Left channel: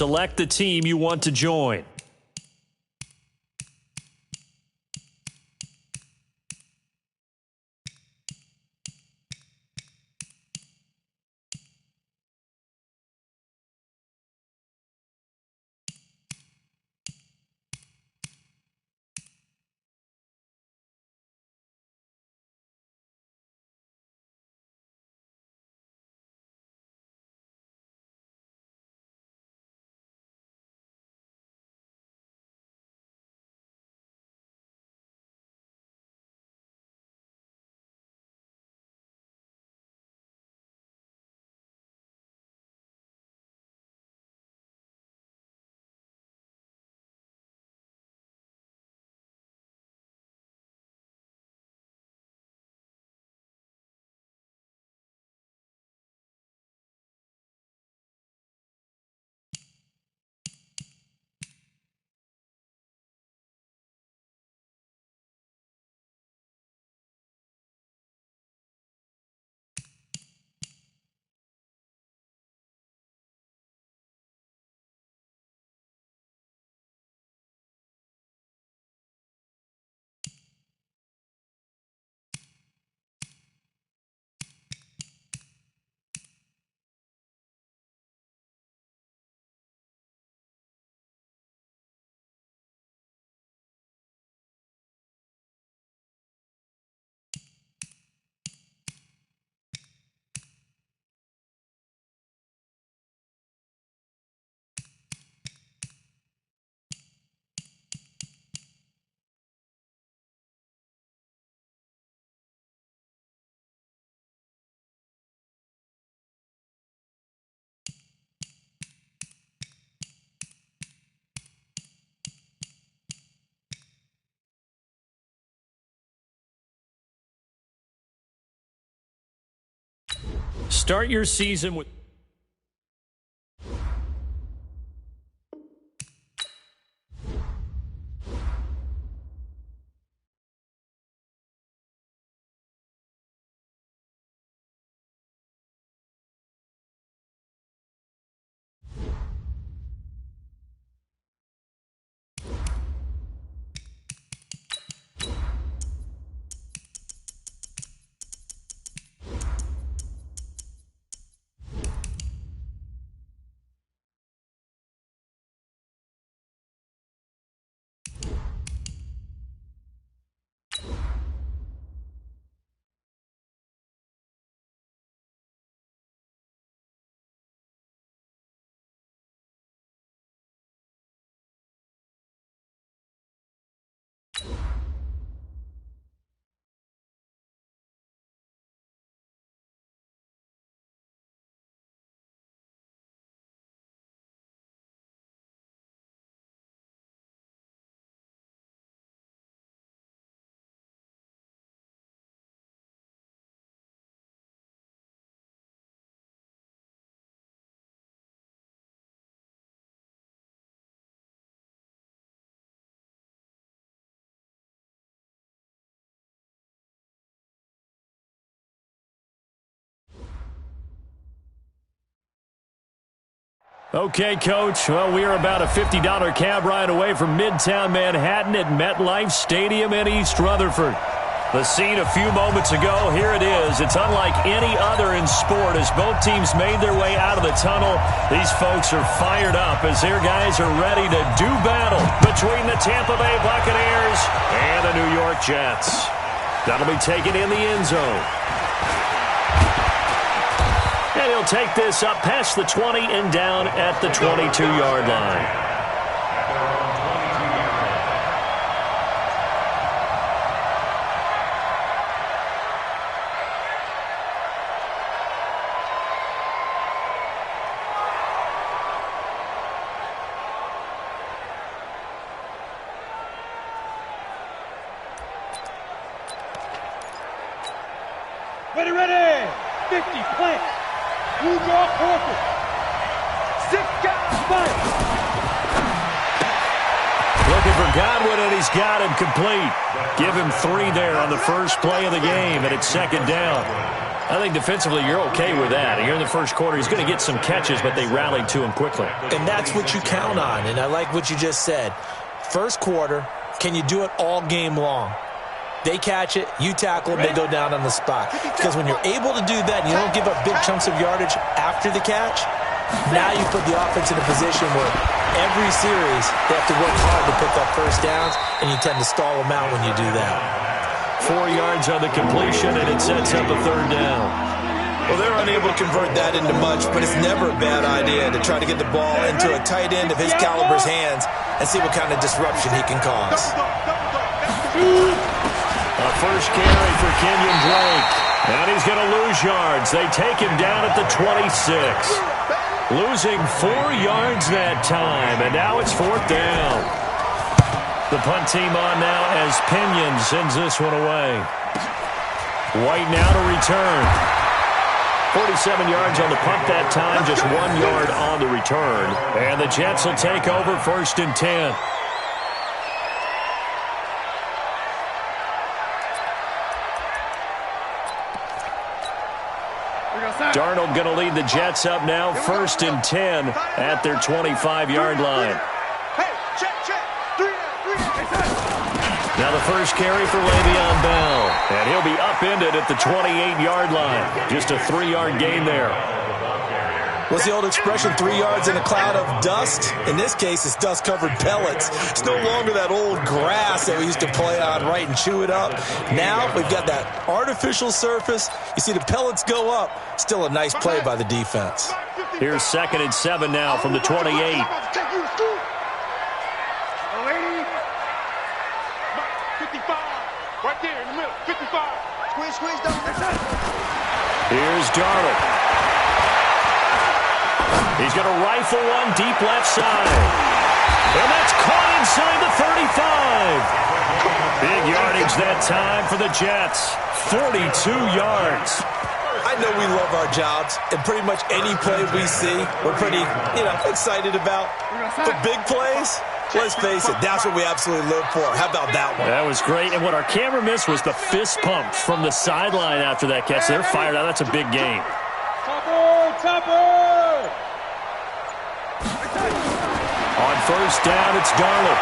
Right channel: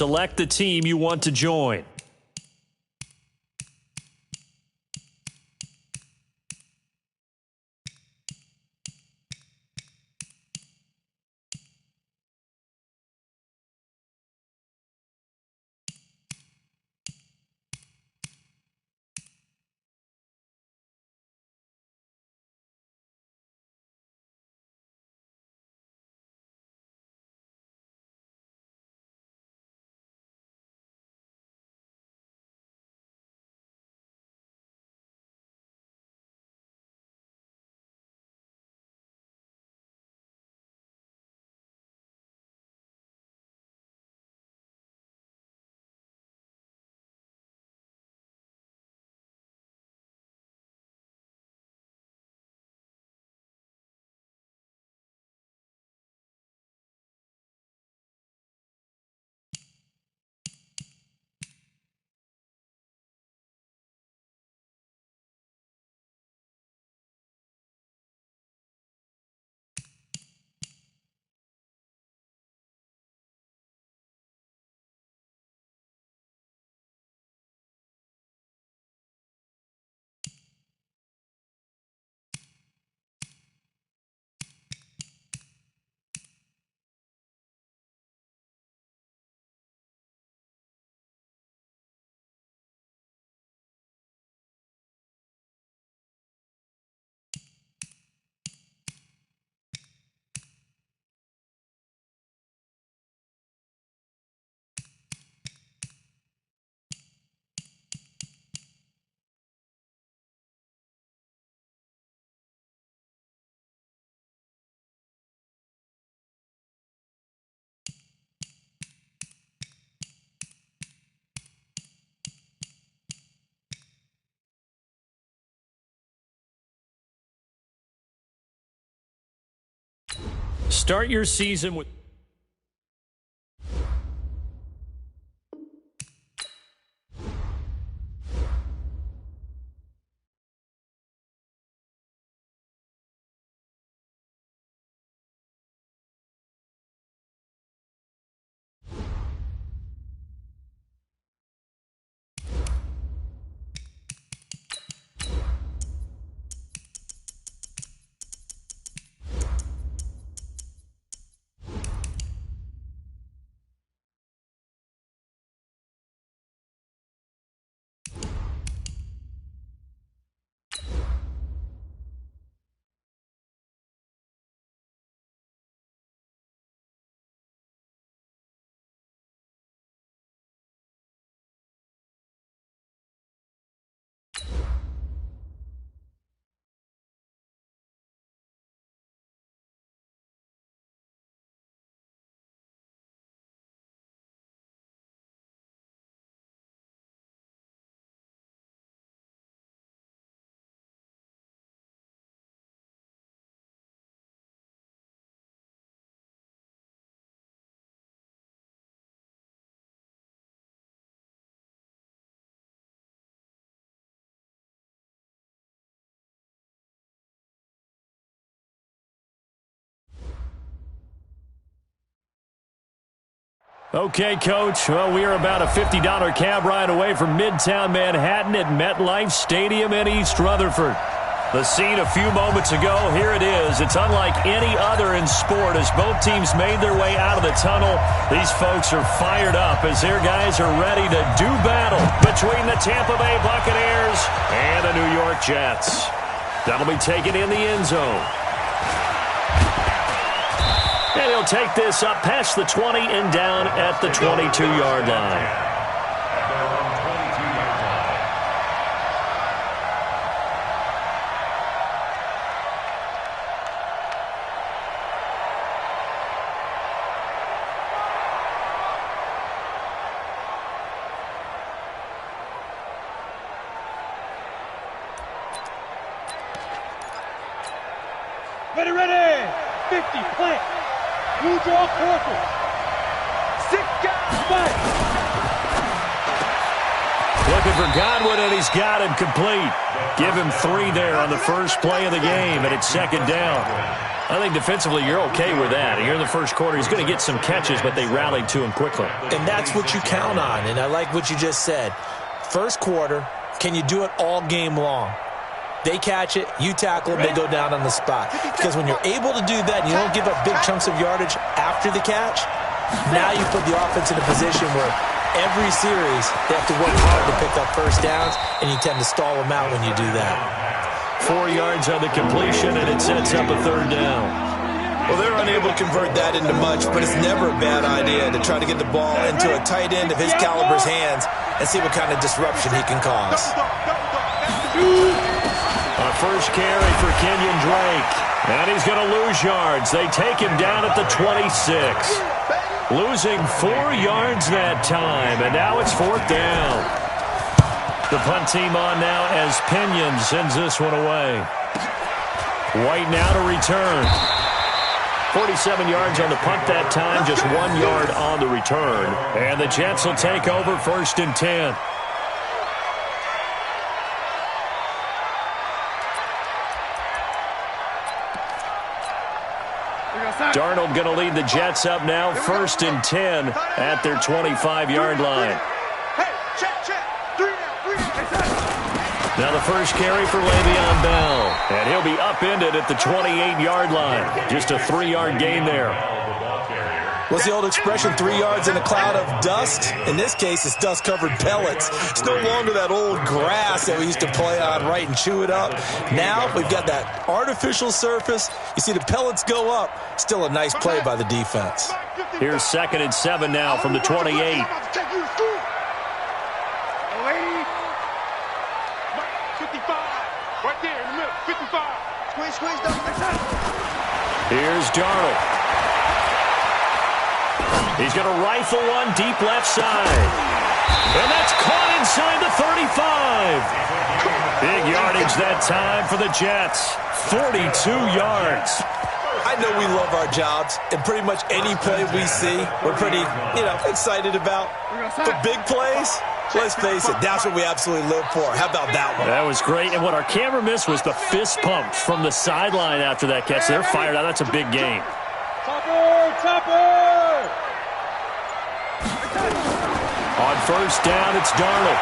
Select the team you want to join. Start your season with... Okay, Coach. Well, we are about a $50 cab ride away from Midtown Manhattan at MetLife Stadium in East Rutherford. The scene a few moments ago, here it is. It's unlike any other in sport as both teams made their way out of the tunnel. These folks are fired up as their guys are ready to do battle between the Tampa Bay Buccaneers and the New York Jets. That'll be taken in the end zone. And he'll take this up past the 20 and down at the 22-yard line. Ready, 50, plant. Blue draw, quarter. 6 guys, fight. Looking for Godwin, and he's got him complete. Give him 3 there on the first play of the game, and it's second down. I think defensively you're okay with that. Here in the first quarter, he's going to get some catches, but they rallied to him quickly. And that's what you count on, and I like what you just said. First quarter, can you do it all game long? They catch it, you tackle them, they go down on the spot. Because when you're able to do that and you don't give up big chunks of yardage after the catch, now you put the offense in a position where every series they have to work hard to pick up first downs, and you tend to stall them out when you do that. 4 yards on the completion, and it sets up a third down. Well, they're unable to convert that into much, but it's never a bad idea to try to get the ball into a tight end of his caliber's hands and see what kind of disruption he can cause. A first carry for Kenyon Drake. And he's going to lose yards. They take him down at the 26. Losing 4 yards that time, and now it's 4th down. The punt team on now as Kenyon sends this one away. White now to return. 47 yards on the punt that time, just 1 yard on the return. And the Jets will take over 1st and 10. Darnold going to lead the Jets up now, 1st and 10 at their 25-yard line. Now the first carry for Le'Veon Bell, and he'll be upended at the 28-yard line. Just a 3-yard gain there. What's the old expression, 3 yards in a cloud of dust? In this case, it's dust-covered pellets. It's no longer that old grass that we used to play on, right, and chew it up. Now we've got that artificial surface. You see the pellets go up. Still a nice play by the defense. Here's 2nd and 7 now from the 28. 55, right there in the middle, 55. Squeeze, Here's Darnold. He's going to rifle one deep left side. And that's caught inside the 35. Big yardage that time for the Jets. 42 yards. I know we love our jobs, and pretty much any play we see, we're pretty, excited about. But big plays, let's face it, that's what we absolutely live for. How about that one? That was great. And what our camera missed was the fist pump from the sideline after that catch. They're fired out. That's a big game. Topper! On 1st down, it's Darnold.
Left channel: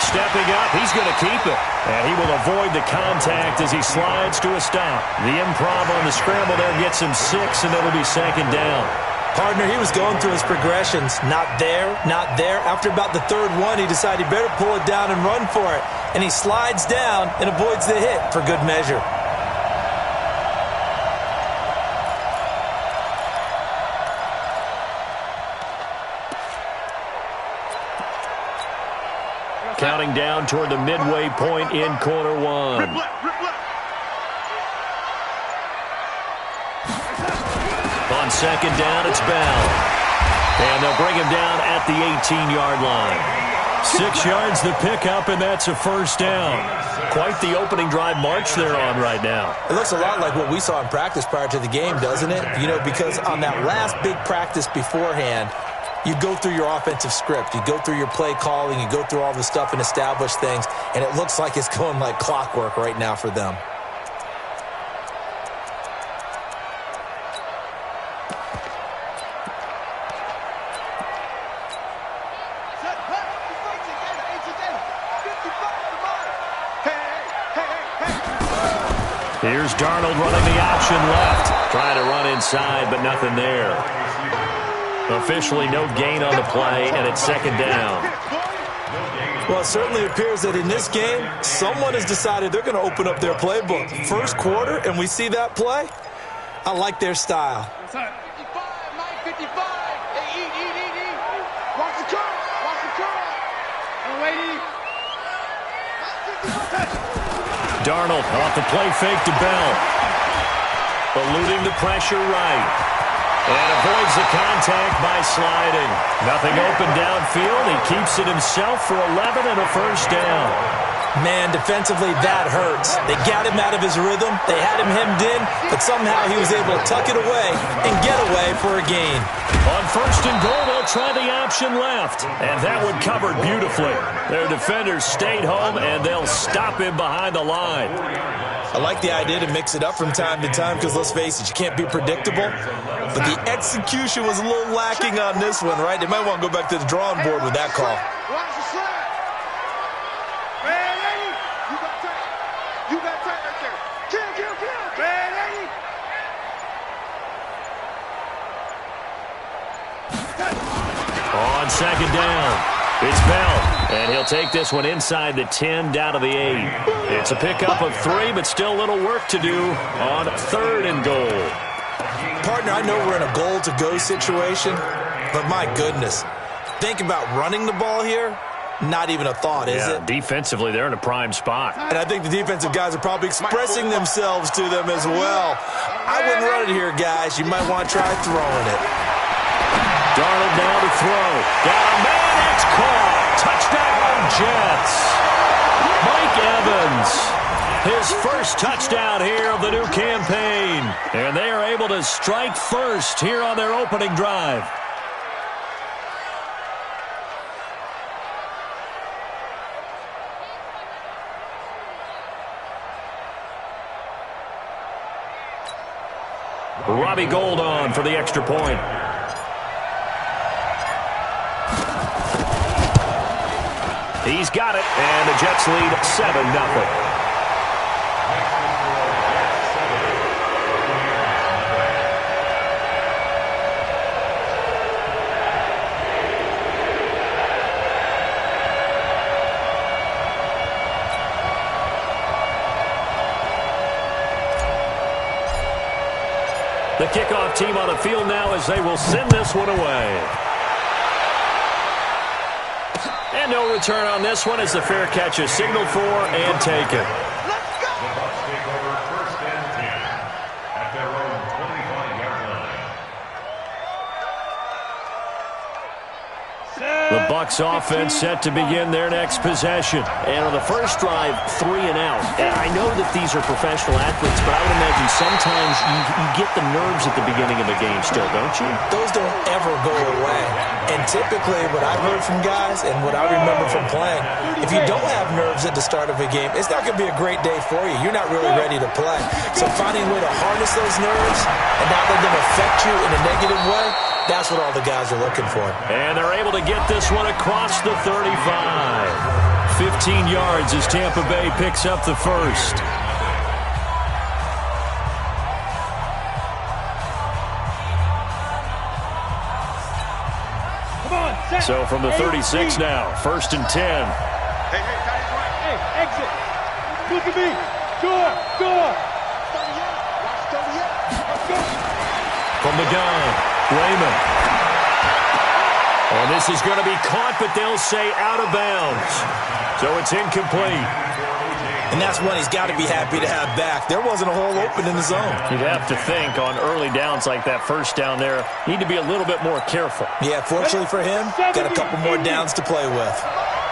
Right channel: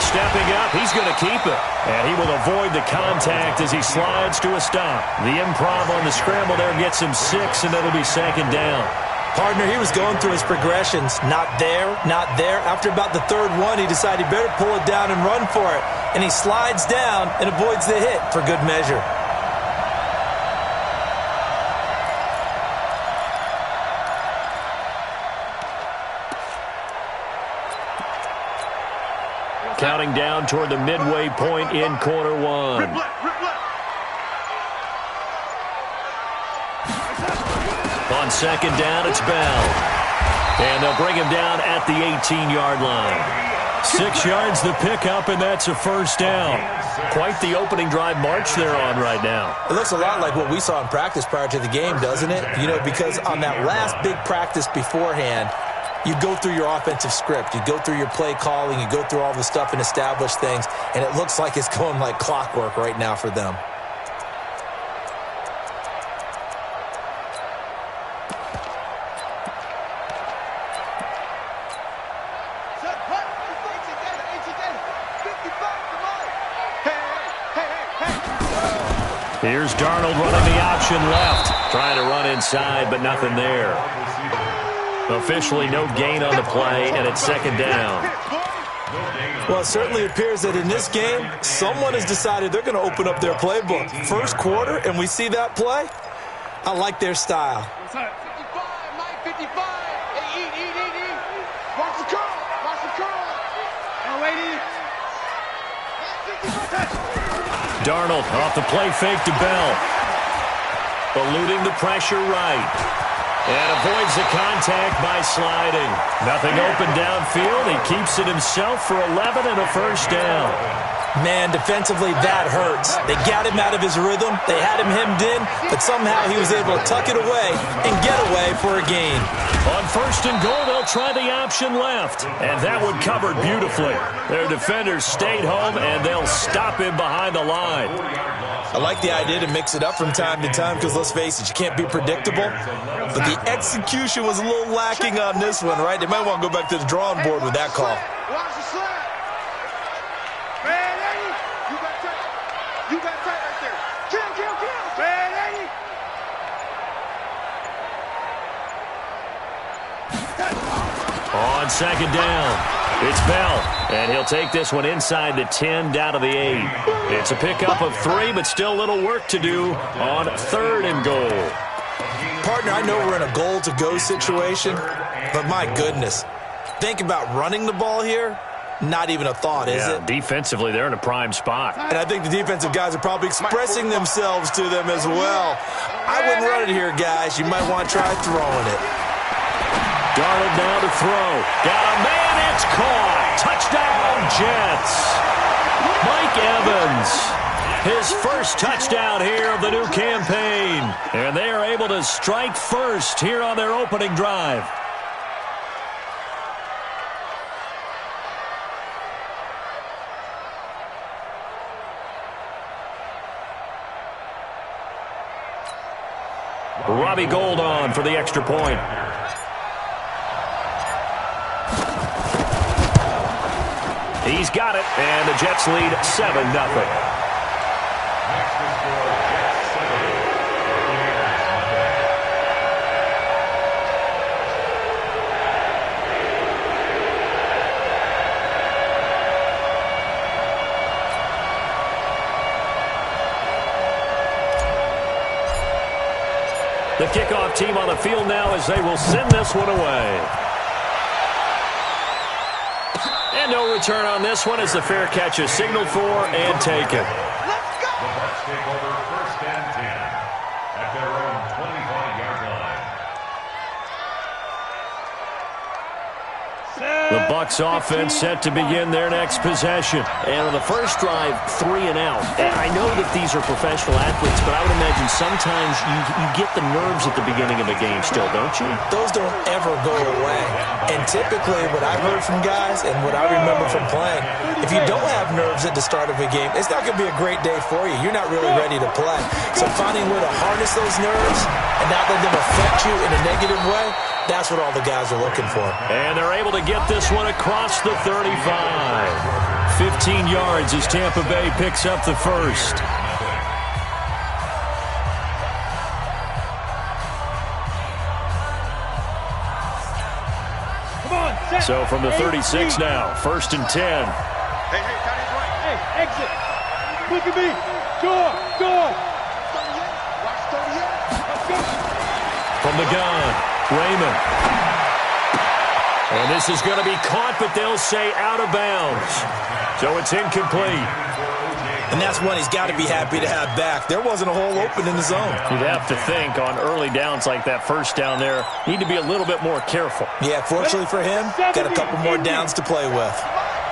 Stepping up, he's going to keep it. And he will avoid the contact as he slides to a stop. The improv on the scramble there gets him 6, and it'll be 2nd down. Partner, he was going through his progressions. Not there, not there. After about the 3rd one, he decided he better pull it down and run for it. And he slides down and avoids the hit for good measure. Counting down toward the midway point in quarter 1. On 2nd down, it's Bell. And they'll bring him down at the 18-yard line. 6 yards the pickup, and that's a 1st down. Quite the opening drive march they're on right now. It looks a lot like what we saw in practice prior to the game, doesn't it? Because on that last big practice beforehand, you go through your offensive script. You go through your play calling. You go through all the stuff and establish things. And it looks like it's going like clockwork right now for them. Here's Darnold running the option left. Trying to run inside, but nothing there. Officially no gain on the play, and it's 2nd down. Well, it certainly appears that in this game, someone has decided they're going to open up their playbook. First quarter, and we see that play. I like their style. 55, Mike, 55. Hey, eat. Watch the curl. Oh, lady. Darnold off the play fake to Bell. Eluding the pressure right. And avoids the contact by sliding. Nothing open downfield. He keeps it himself for 11 and a 1st down. Man, defensively, that hurts. They got him out of his rhythm. They had him hemmed in, but somehow he was able to tuck it away and get away for a gain. On 1st and goal, they'll try the option left. And that one covered beautifully. Their defenders stayed home, and they'll stop him behind the line. I like the idea to mix it up from time to time because, let's face it, you can't be predictable. But the execution was a little lacking on this one, right? They might want to go back to the drawing board with that call. Watch the slide. Man, Eddie, you got tight. You got tight right there. Kill. Man, Eddie. On 2nd down, it's Bell, and he'll take this one inside the 10 down to the 8. It's a pickup of 3, but still a little work to do on 3rd and goal. Partner, I know we're in a goal-to-go situation, but my goodness, think about running the ball here. Not even a thought, is it? Defensively, they're in a prime spot. And I think the defensive guys are probably expressing themselves to them as well. I wouldn't run it here, guys. You might want to try throwing it. Darnold now to throw. Got a man, it's caught. Touchdown, Jets. Mike Evans, his first touchdown here of the new campaign. And they are able to strike first here on their opening drive. Robbie Gould on for the extra point. He's got it, and the Jets lead 7-0. The kickoff team on the field now as they will send this one away. And no return on this one as the fair catch is signaled for and taken. Let's go. The Bucs take over 1st and 10 at their own 25-yard line. The Bucs offense set to begin their next possession. And on the first drive, 3 and out. I know that these are professional athletes, but I would imagine sometimes you get the nerves at the beginning of a game still, don't you? Those don't ever go away. And typically what I've heard from guys and what I remember from playing, if you don't have nerves at the start of a game, it's not going to be a great day for you. You're not really ready to play. So finding a way to harness those nerves and not let them affect you in a negative way, that's what all the guys are looking for. And they're able to get this one across the 35. 15 yards as Tampa Bay picks up the first. Come on, set. So from the 36 now, 1st and 10. Hey, tight is right. Hey, exit. Look at me. Door. 38. Watch 38. Let's go. From the gun, Raymond. And this is going to be caught, but they'll say out of bounds. So it's incomplete. And that's one he's got to be happy to have back. There wasn't a hole open in the zone. You'd have to think on early downs like that first down there, need to be a little bit more careful. Yeah, fortunately for him, got a couple more downs to play with.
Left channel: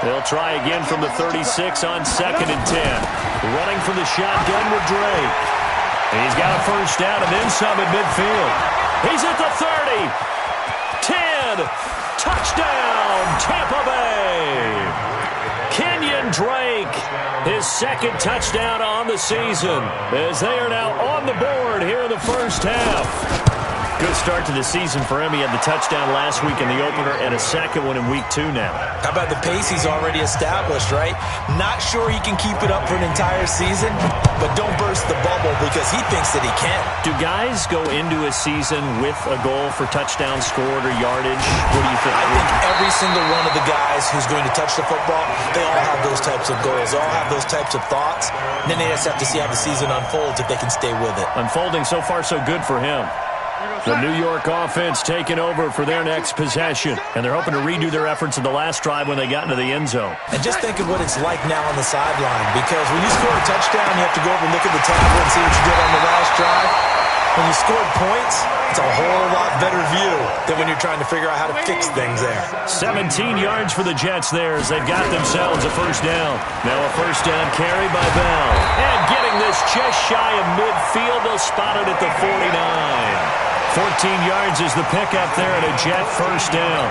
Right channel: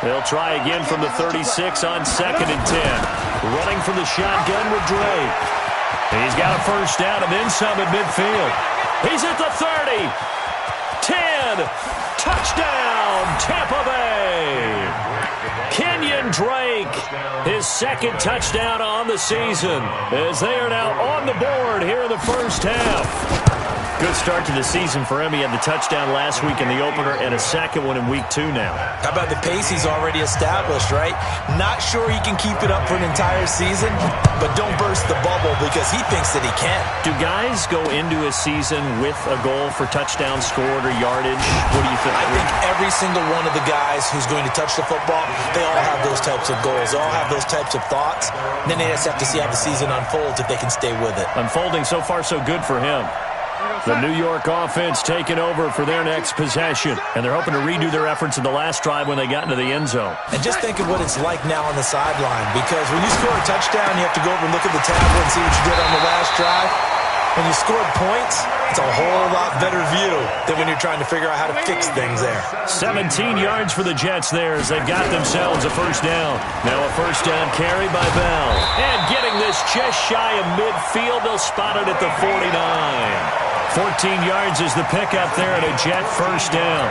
They'll try again from the 36 on 2nd and 10. Running from the shotgun with Drake. He's got a first down and then some at midfield. He's at the 30. 10. Touchdown, Tampa Bay. Kenyon Drake, his 2nd touchdown on the season, as they are now on the board here in the first half. Good start to the season for him. He had the touchdown last week in the opener and a 2nd one in week 2 now. How about the pace he's already established, right? Not sure he can keep it up for an entire season, but don't burst the bubble because he thinks that he can. Do guys go into a season with a goal for touchdown scored or yardage? What do you think? I think every single one of the guys who's going to touch the football, they all have those types of goals. They all have those types of thoughts. And then they just have to see how the season unfolds if they can stay with it. Unfolding so far so good for him. The New York offense taking over for their next possession. And they're hoping to redo their efforts in the last drive when they got into the end zone. And just think of what it's like now on the sideline. Because when you score a touchdown, you have to go over and look at the tablet and see what you did on the last drive. When you scored points, it's a whole lot better view than when you're trying to figure out how to fix things there. 17 yards for the Jets there as they've got themselves a first down. Now a first down carry by Bell. And getting this just shy of midfield, they'll spot it at the 49. 14 yards is the pickup there and a Jet first down.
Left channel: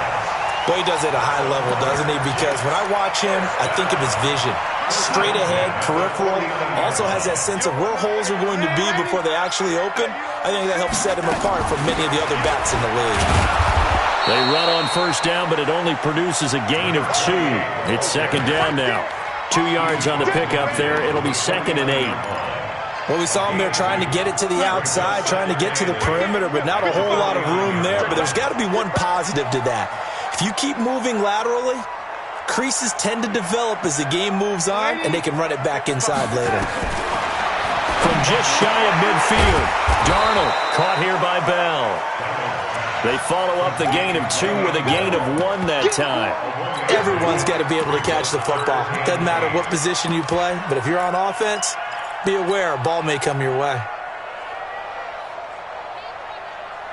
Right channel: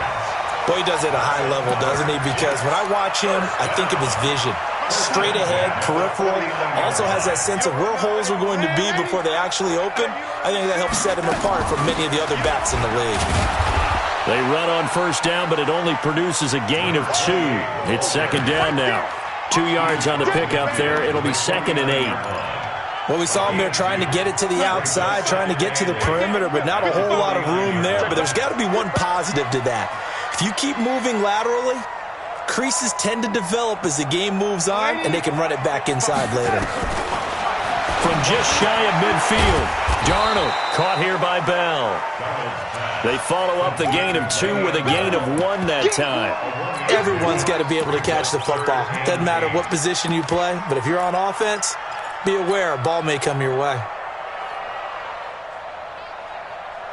Boy, he does it at a high level, doesn't he? Because when I watch him, I think of his vision. Straight ahead, peripheral, also has that sense of where holes are going to be before they actually open. I think that helps set him apart from many of the other backs in the league. They run on first down, but it only produces a gain of 2. It's second down now. 2 yards on the pickup there. It'll be 2nd and 8. Well, we saw him there trying to get it to the outside, trying to get to the perimeter, but not a whole lot of room there. But there's got to be one positive to that. If you keep moving laterally, creases tend to develop as the game moves on, and they can run it back inside later. From just shy of midfield, Darnold caught here by Bell. They follow up the gain of 2 with a gain of 1 that time. Everyone's got to be able to catch the football. Doesn't matter what position you play, but if you're on offense, be aware a ball may come your way.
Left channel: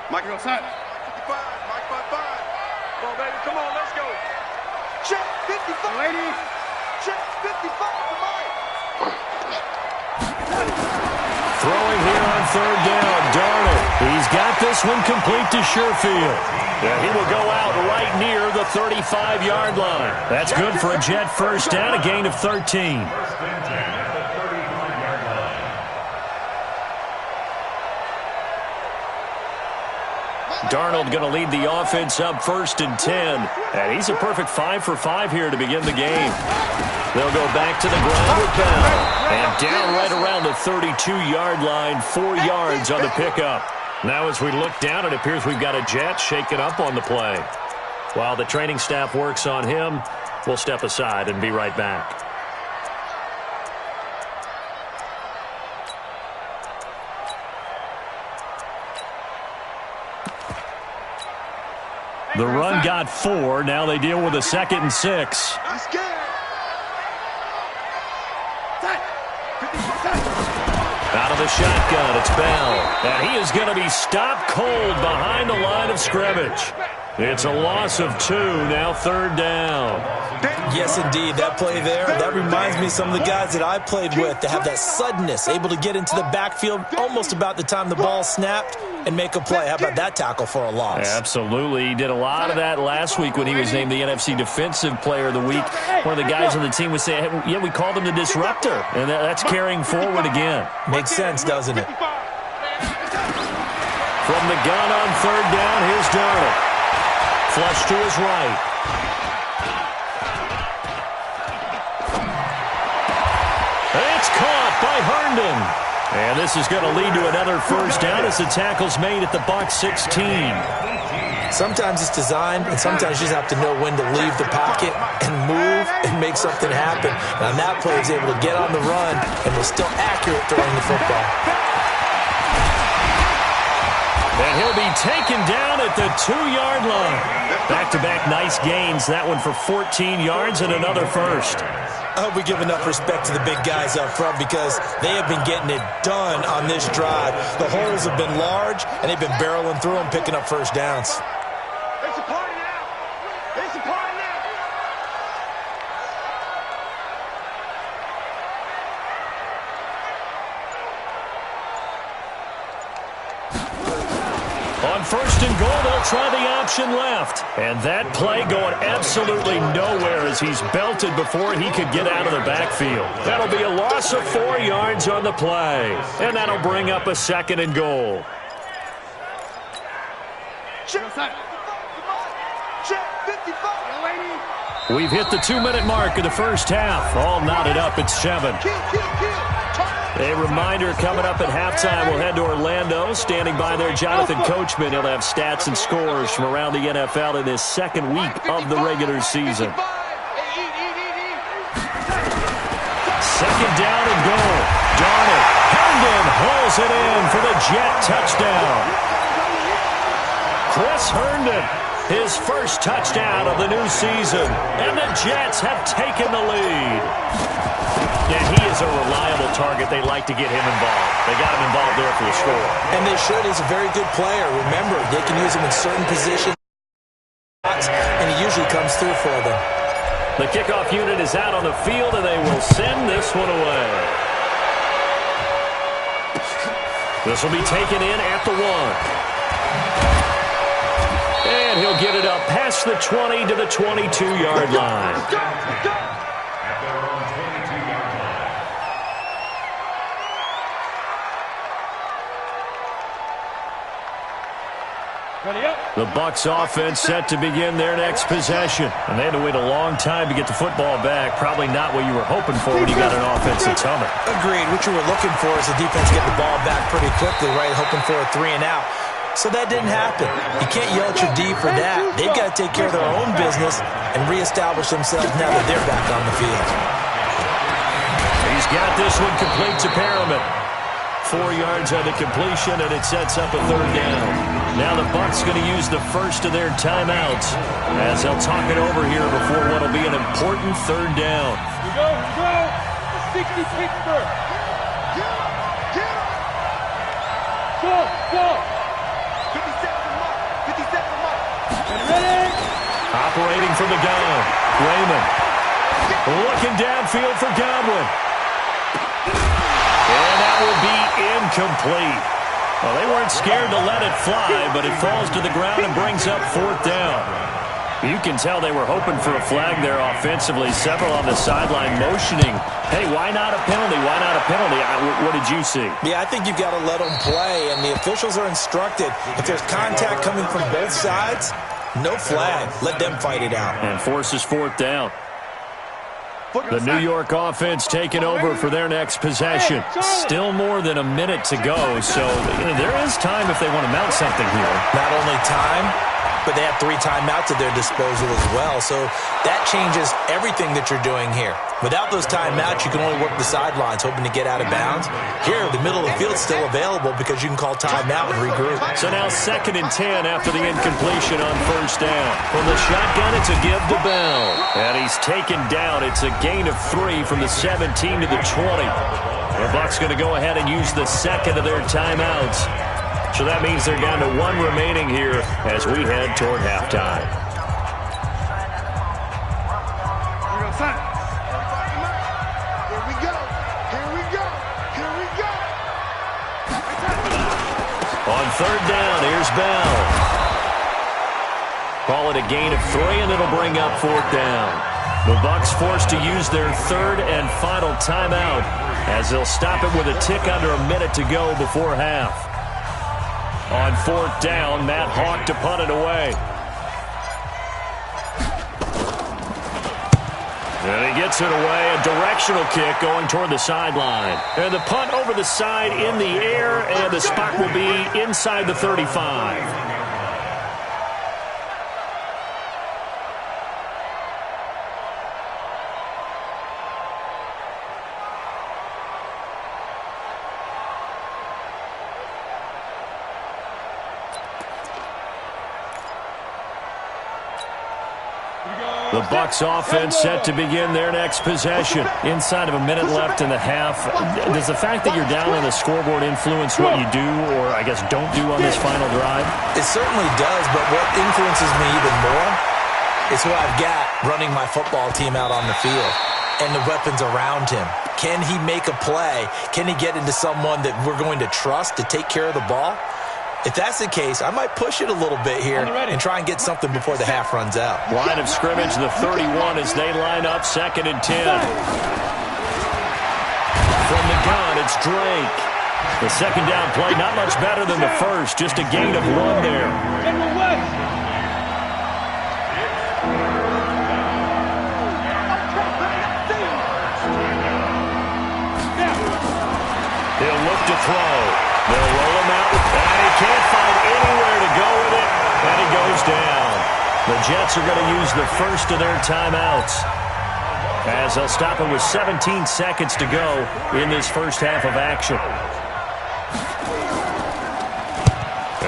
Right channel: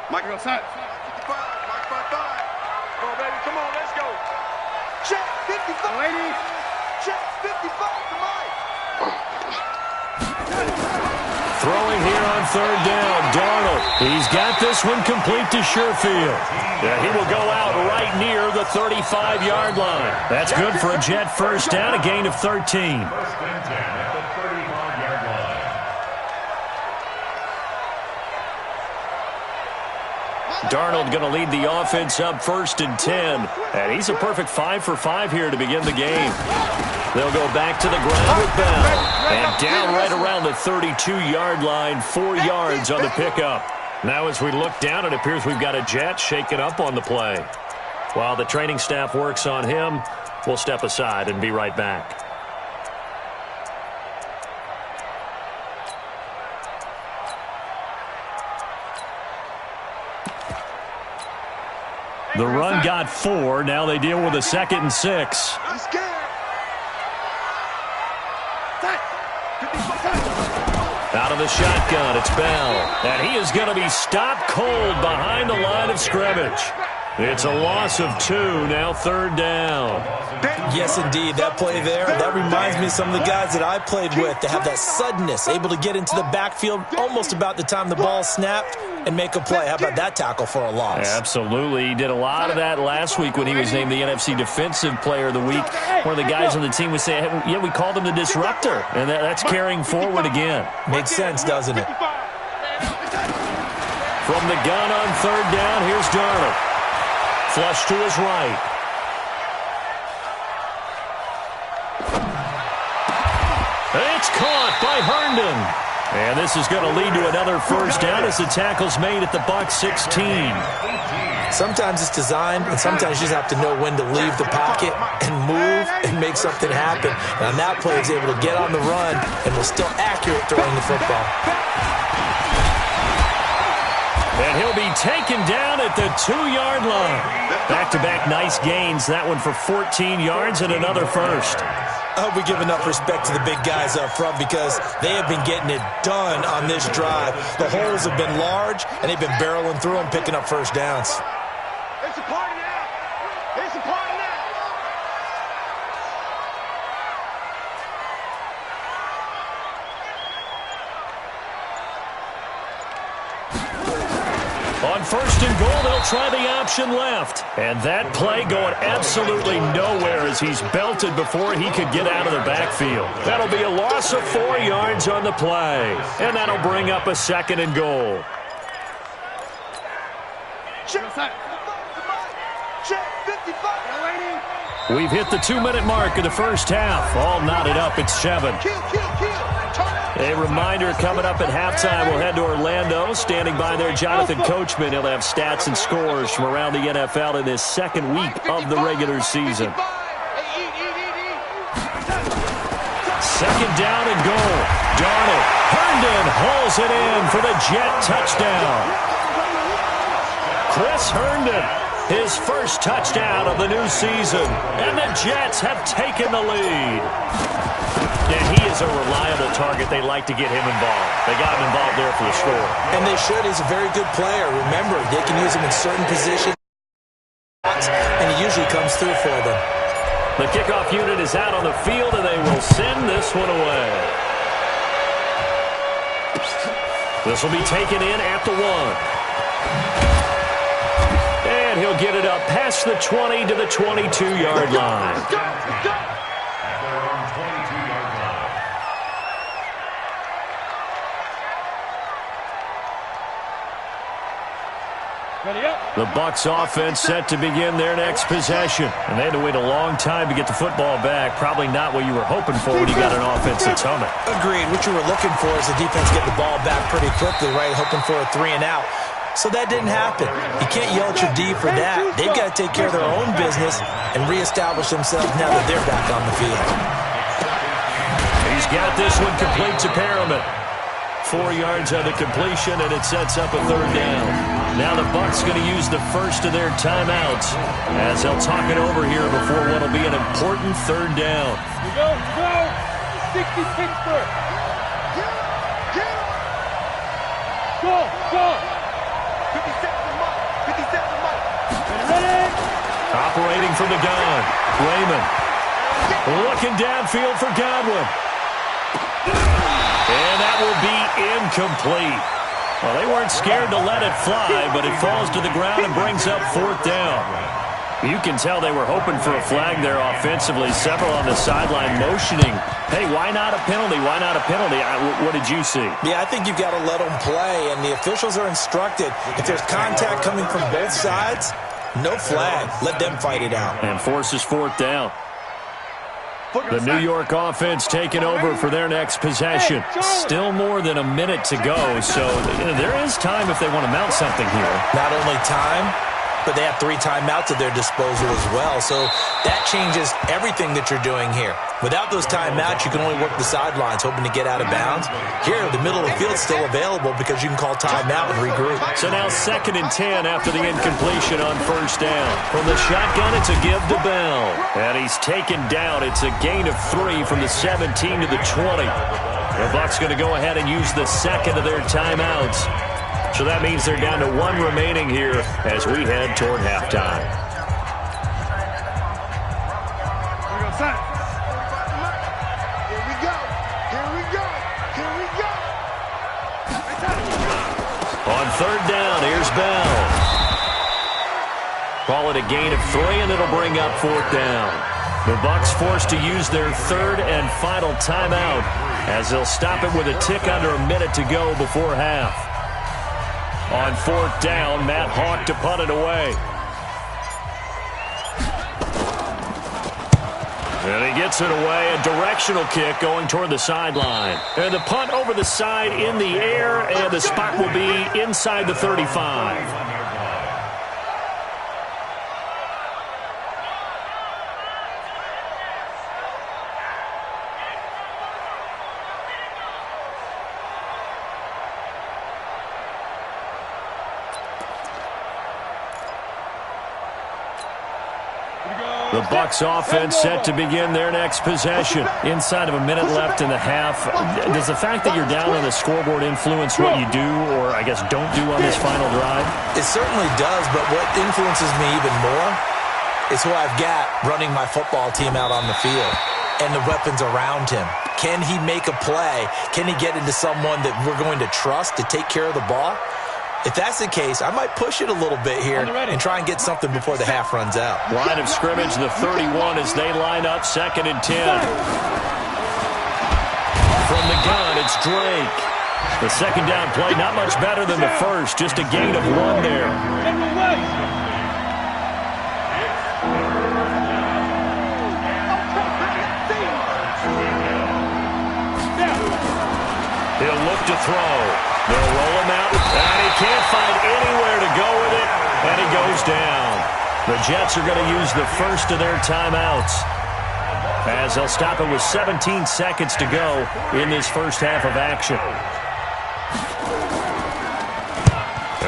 Mike, go set. 55, Mike 55. Come on, baby, come on, let's go. Check 55. Ladies. Check 55 to Mike. Throwing here on third down, Darnold. He's got this one complete to Sherfield. Yeah, he will go out right near the 35-yard line. That's good for a Jet first down, a gain of 13. First and 10 at the 35-yard line. Darnold going to lead the offense up 1st and 10. And he's a perfect 5 for 5 here to begin the game. They'll go back to the ground with Bell. And down right around the 32-yard line, 4 yards on the pickup. Now as we look down, it appears we've got a Jet shaken up on the play. While the training staff works on him, we'll step aside and be right back. The run got 4. Now they deal with a 2nd and 6. Out of the shotgun, it's Bell. And he is going to be stopped cold behind the line of scrimmage. It's a loss of 2, now 3rd down. Yes, indeed. That play there, that reminds me of some of the guys that I played with. They have that suddenness, able to get into the backfield almost about the time the ball snapped and make a play. How about that tackle for a loss? Absolutely. He did a lot of that last week when he was named the NFC Defensive Player of the Week. One of the guys on the team would say, hey, yeah, we called him the disruptor. And that's carrying forward again. Makes sense, doesn't it? From the gun on third down, here's Darnold. Flush to his right. It's caught by Herndon. And this is going to lead to another first down as the tackle's made at the Bucs 16. Sometimes it's designed, and sometimes you just have to know when to leave the pocket and move and make something happen. And on that play, he's able to get on the run and was still accurate throwing the football. And he'll be taken down at the 2-yard line. Back-to-back nice gains. That one for 14 yards and another first. I hope we give enough respect to the big guys up front because they have been getting it done on this drive. The holes have been large, and they've been barreling through them, picking up first downs. It's a party now. It's a party now. On first and goal, they'll try the option left. And that play going absolutely nowhere as he's belted before he could get out of the backfield. That'll be a loss of 4 yards on the play. And that'll bring up a 2nd and goal. Check 55. We've hit the 2-minute mark of the first half. All knotted up at 7. A reminder coming up at halftime, we'll head to Orlando. Standing by there, Jonathan Coachman. He'll have stats and scores from around the NFL in this second week of the regular season. 2nd down and goal. Darnold. Herndon hauls it in for the Jet touchdown. Chris Herndon His first touchdown of the new season. And the Jets have taken the lead. Yeah, he is a reliable target. They like to get him involved. They got him involved there for the score. And they should. He's a very good player. Remember, they can use him in certain positions, and he usually comes through for them. The kickoff unit is out on the field, and they will send this one away. This will be taken in at the 1. And he'll get it up past the 20 to the 22-yard line. At their own 22-yard line. The Bucs offense set to begin their next possession. And they had to wait a long time to get the football back. Probably not what you were hoping for when you got an offensive tumble. Agreed. What you were looking for is the defense getting the ball back pretty quickly, right? Hoping for a 3 and out. So that didn't happen. You can't yell at your D for that. They've got to take care of their own business and reestablish themselves now that they're back on the field. He's got this one complete to Perriman. 4 yards on the completion, and it sets up a 3rd down. Now the Bucs going to use the first of their timeouts as they'll talk it over here before what will be an important 3rd down. Here we go, here we go. 60 Pittsburgh. Get him. Go. 57 to Mike. 57 to Mike. Ready? Operating from the gun. Raymond. Looking downfield for Godwin. And that will be incomplete. Well, they weren't scared to let it fly, but it falls to the ground and brings up 4th down. You can tell they were hoping for a flag there offensively. Several on the sideline motioning, hey, why not a penalty? Why not a penalty? What did you see? Yeah, I think you've got to let them play, and the officials are instructed. If there's contact coming from both sides, no flag. Let them fight it out. And forces 4th down. The New York offense taking over for their next possession. Still more than a minute to go, so there is time if they want to mount something here. Not only time, but they have 3 timeouts at their disposal as well, so that changes everything that you're doing here. Without those timeouts, you can only work the sidelines, hoping to get out of bounds. Here, the middle of the field's still available because you can call timeout and regroup. So now 2nd and 10 after the incompletion on 1st down. From the shotgun, it's a give to Bell. And he's taken down. It's a gain of 3 from the 17 to the 20. The Bucs going to go ahead and use the 2nd of their timeouts. So that means they're down to 1 remaining here as we head toward halftime. Here we go, son. 45 to Mike. Here we go. On 3rd down, here's Bell. Call it a gain of 3, and it'll bring up 4th down. The Bucs forced to use their 3rd and final timeout as they'll stop it with a tick under a minute to go before half. On 4th down, Matt Hawk to punt it away. And he gets it away, a directional kick going toward the sideline. And the punt over the side in the air, and the spot will be inside the 35. The Bucs offense set to begin their next possession. Inside of a minute left in the half. Does the fact that you're down on the scoreboard influence what you do or, I guess, don't do on this final drive? It certainly does, but what influences me even more is who I've got running my football team out on the field and the weapons around him. Can he make a play? Can he get into someone that we're going to trust to take care of the ball? If that's the case, I might push it a little bit here and try and get something before the half runs out. Line of scrimmage, the 31 as they line up, 2nd and 10. From the gun, it's Drake. The 2nd down play, not much better than the first, just a gain of 1 there. He'll look to throw. They'll roll him out, and he can't find anywhere to go with it, and he goes down. The Jets are going to use the first of their timeouts as they'll stop it with 17 seconds to go in this first half of action.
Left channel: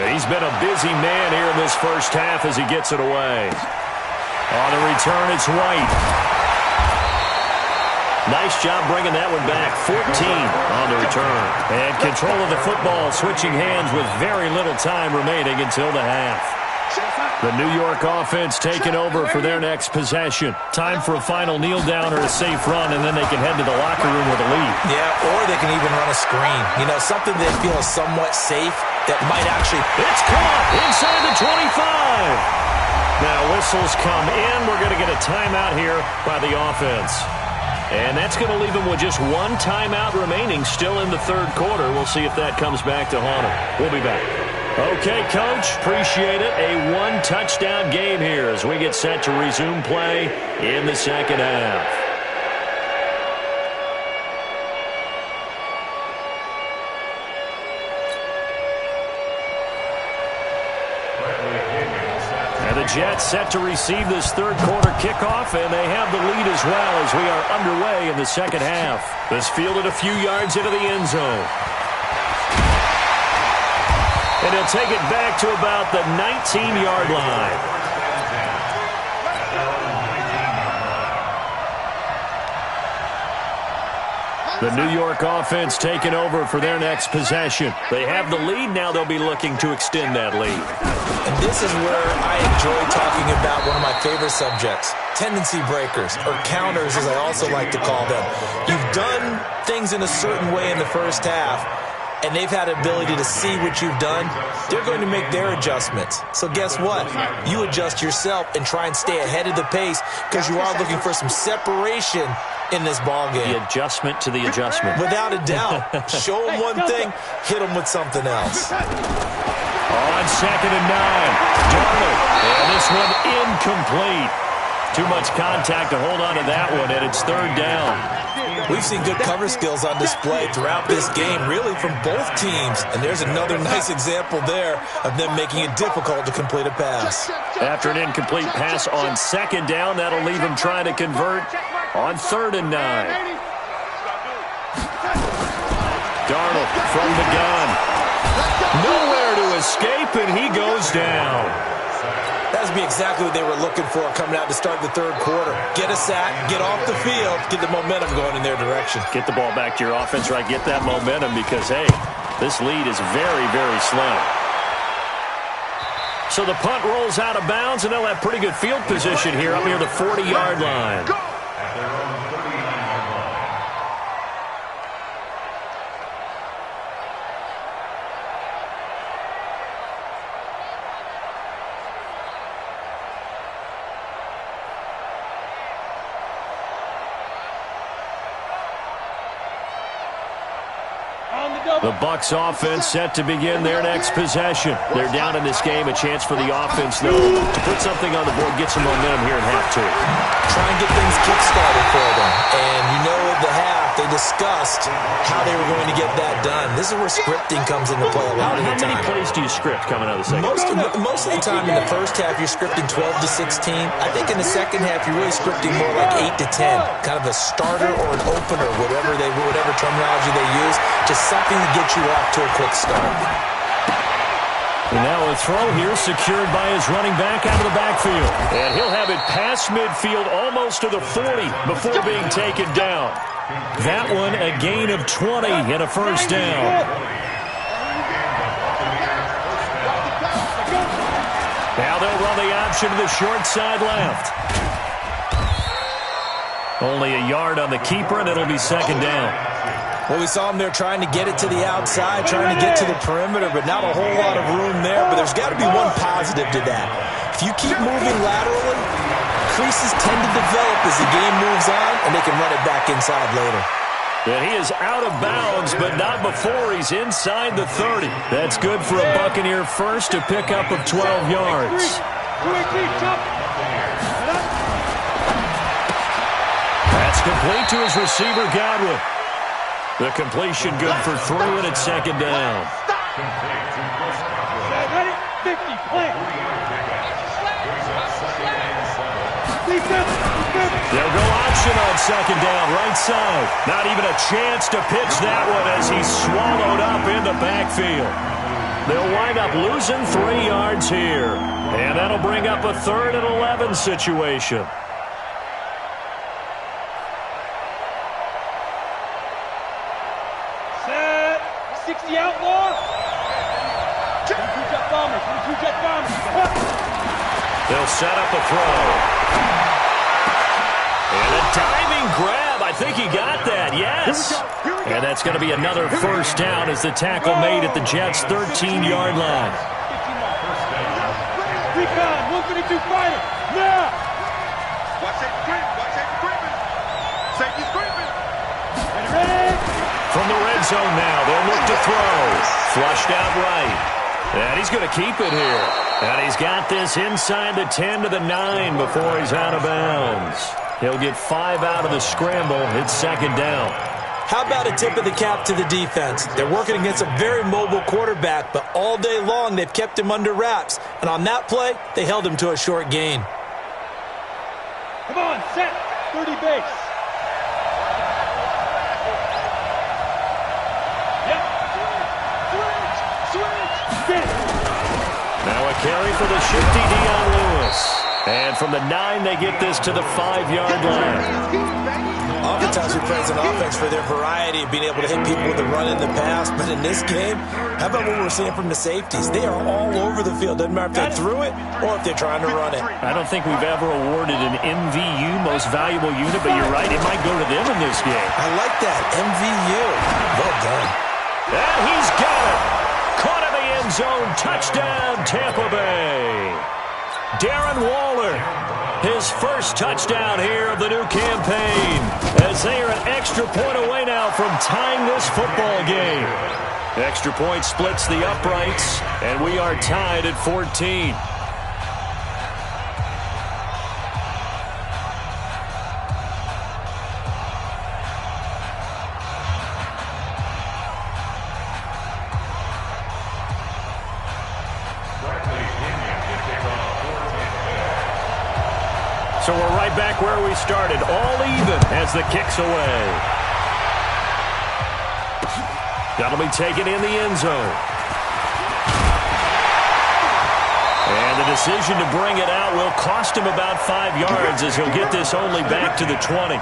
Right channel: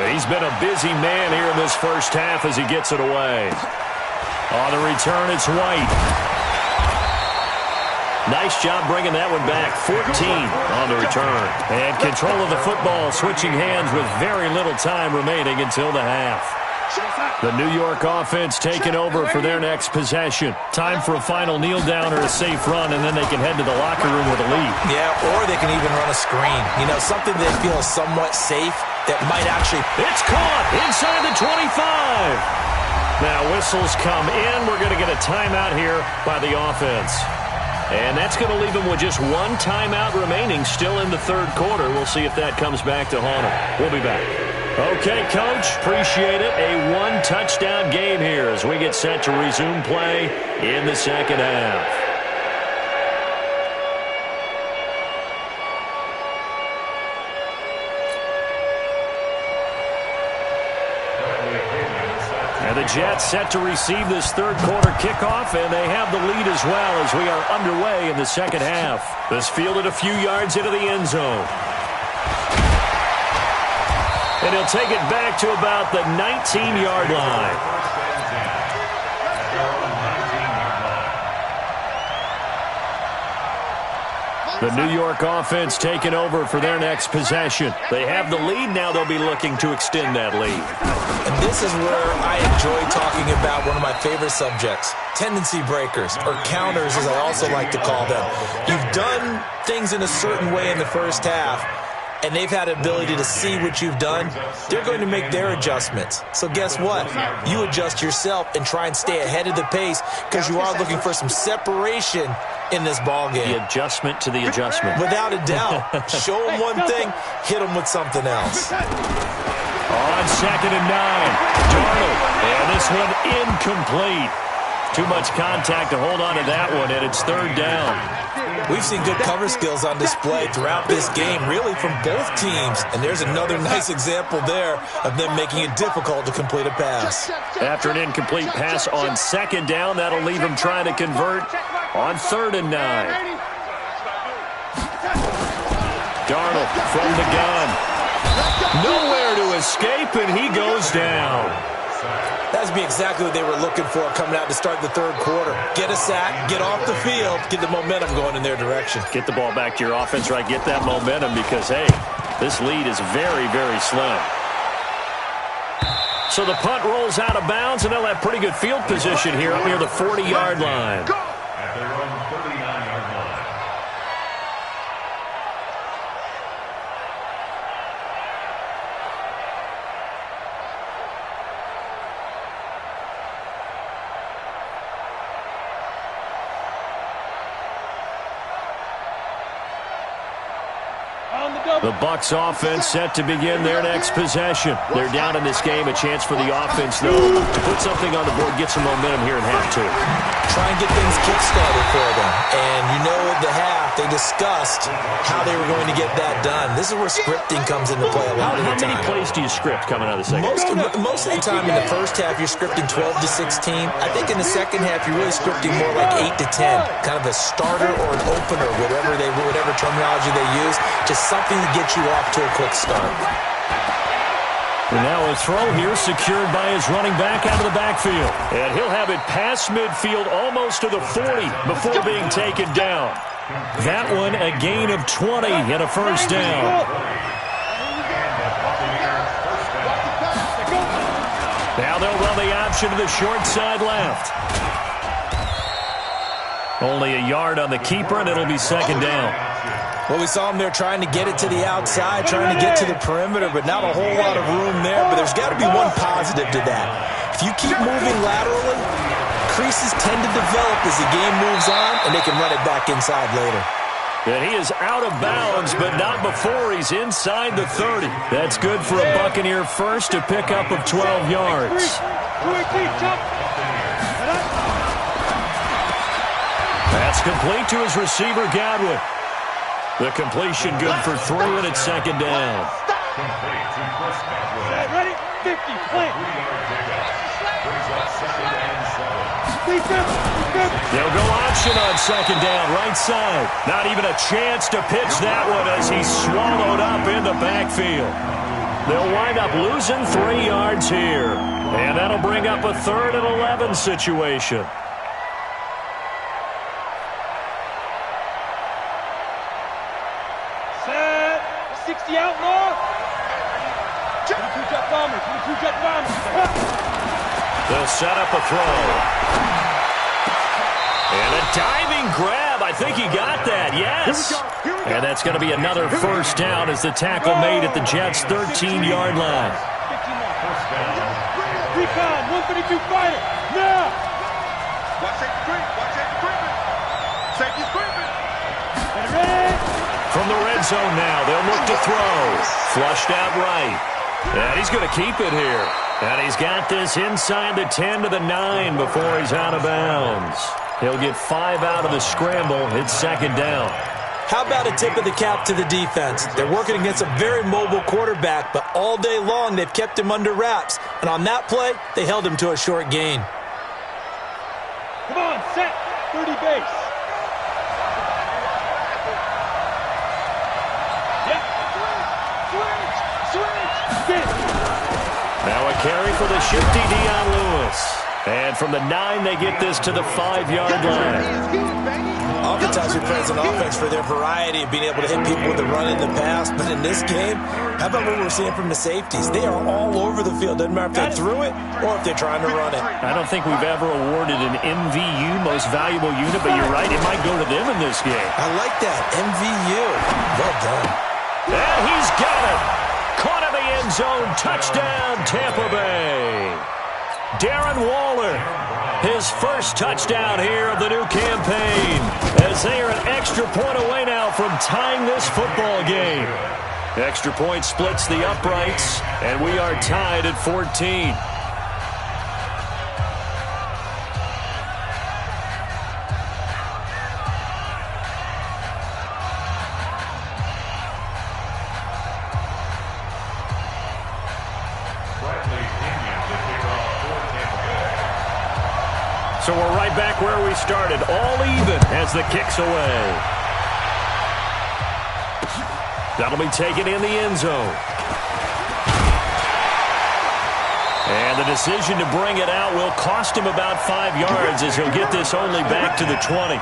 He's been a busy man here in this first half as he gets it away. On the return, it's White. Nice job bringing that one back. 14 on the return. And control of the football, switching hands with very little time remaining until the half. The New York offense taking over for their next possession. Time for a final kneel down or a safe run, and then they can head to the locker room with a lead. Yeah, or they can even run a screen. You know, something they feel is somewhat safe that might actually... It's caught inside the 25. Now whistles come in. We're going to get a timeout here by the offense. And that's going to leave them with just one timeout remaining still in the third quarter. We'll see if that comes back to haunt them. We'll be back. Okay, Coach, appreciate it. A one-touchdown game here as we get set to resume play in the second half. And the Jets set to receive this third quarter kickoff, and they have the lead as well as we are underway in the second half. This fielded a few yards into the end zone. And he'll take it back to about the 19-yard line. The New York offense taking over for their next possession. They have the lead. Now they'll be looking to extend that lead. And this is where I enjoy talking about one of my favorite subjects, tendency breakers, or counters as I also like to call them. You've done things in a certain way in the first half, and they've had the ability to see what you've done. They're going to make their adjustments. So guess what? You adjust yourself and try and stay ahead of the pace because you are looking for some separation in this ball game. The adjustment to the adjustment. Without a doubt. Show them one thing, hit them with something else. On 2nd and 9, Darnold. And this one incomplete. Too much contact to hold on to that one, and it's third down. We've seen good cover skills on display throughout this game, really from both teams. And there's another nice example there of them making it difficult to complete a pass. After an incomplete pass on 2nd down, that'll leave them trying to convert on 3rd and 9. Darnold from the gun. Nowhere to escape, and he goes down. That would be exactly what they were looking for coming out to start the third quarter. Get a sack, get off the field, get the momentum going in their direction. Get the ball back to your offense, right? Get that momentum because, hey, this lead is very, very slim. So the punt rolls out of bounds, and they'll have pretty good field position here up near the 40-yard line. At their own 39-yard line. The Bucs offense set to begin their next possession. They're down in this game. A chance for the offense, though, to put something on the board, get some momentum here in half two. Try and get things kick-started for them. And you know at the half, they discussed how they were going to get that done. This is where scripting comes into play a lot of the time. How many plays do you script coming out of the second half? Most of the time in the first half, you're scripting 12 to 16. I think in the second half, you're really scripting more like 8 to 10. Kind of a starter or an opener, whatever terminology they use. Just something to get you off to a quick start. And now a throw here secured by his running back out of the backfield. And he'll have it past midfield almost to the 40 before being taken down. That one a gain of 20 and a first down. Now they'll run the option to the short side left. Only a yard on the keeper, and it'll be second down. Well, we saw him there trying to get it to the outside, trying to get to the perimeter, but not a whole lot of room there. But there's got to be one positive to that. If you keep moving laterally, creases tend to develop as the game moves on, and they can run it back inside later. And he is out of bounds, but not before he's inside the 30. That's good for a Buccaneer first, a pickup of 12 yards. That's complete to his receiver, Godwin. The completion good for 3, and it's second down. Ready? 50, plant. They'll go option on second down, right side. Not even a chance to pitch that one as he's swallowed up in the backfield. They'll wind up losing 3 yards here. And that'll bring up a 3rd and 11 situation. Set. 60 outlaw. 22 jet bombers. 22 jet bombers. They'll set up a throw. And a diving grab. I think he got that. Yes. And that's going to be another first down as the tackle made at the Jets' 13-yard line. Recon, 152 fighter. Now. Watch safety creep. Watch safety creeping. Safety's creeping. Ready. From the red zone now, they'll look to throw. Flushed out right. And he's going to keep it here. And he's got this inside the 10 to the 9 before he's out of bounds. He'll get 5 out of the scramble. It's 2nd down. How about a tip of the cap to the defense? They're working against a very mobile quarterback, but all day long they've kept him under wraps. And on that play, they held him to a short gain. Come on, set. 30 base. Yep. Switch. Now a carry for the shifty Dion Lewis. And from the 9, they get this to the 5-yard line. Oftentimes we praise an offense for their variety of being able to hit people with the run in the pass. But in this game, how about what we're seeing from the safeties? They are all over the field. Doesn't matter if they threw it or if they're trying to run it. I don't think we've ever awarded an MVU, most valuable unit, but you're right, it might go to them in this game. I like that. MVU. Well done. And he's got it. Caught in the end zone. Touchdown, Tampa Bay. Darren Waller, his first touchdown here of the new campaign, as they are an extra point away now from tying this football game. Extra point splits the uprights, and we are tied at 14. So we're right back where we started, all even as the kick's away. That'll be taken in the end zone. And the decision to bring it out will cost him about 5 yards as he'll get this only back to the 20.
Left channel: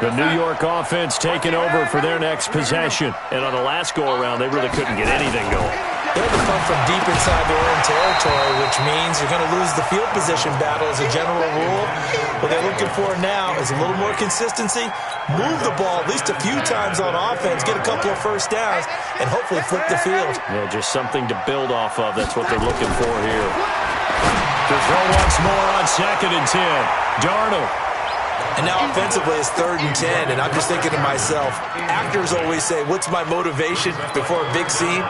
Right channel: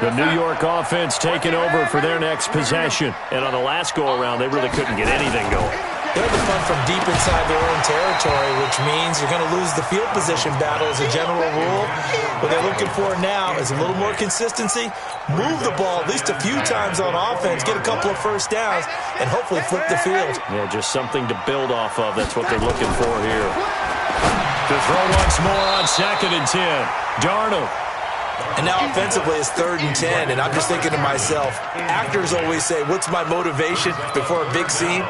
The New York offense taking over for their next possession. And on the last go-around, they really couldn't get anything going. They're the punt from deep inside their own territory, which means you're going to lose the field position battle as a general rule. What they're looking for now is a little more consistency, move the ball at least a few times on offense, get a couple of first downs, and hopefully flip the field. Yeah, just something to build off of. That's what they're looking for here. To throw once more on 2nd and 10. Darnold. And now offensively it's 3rd and 10, and I'm just thinking to myself, actors always say, what's my motivation before a big scene?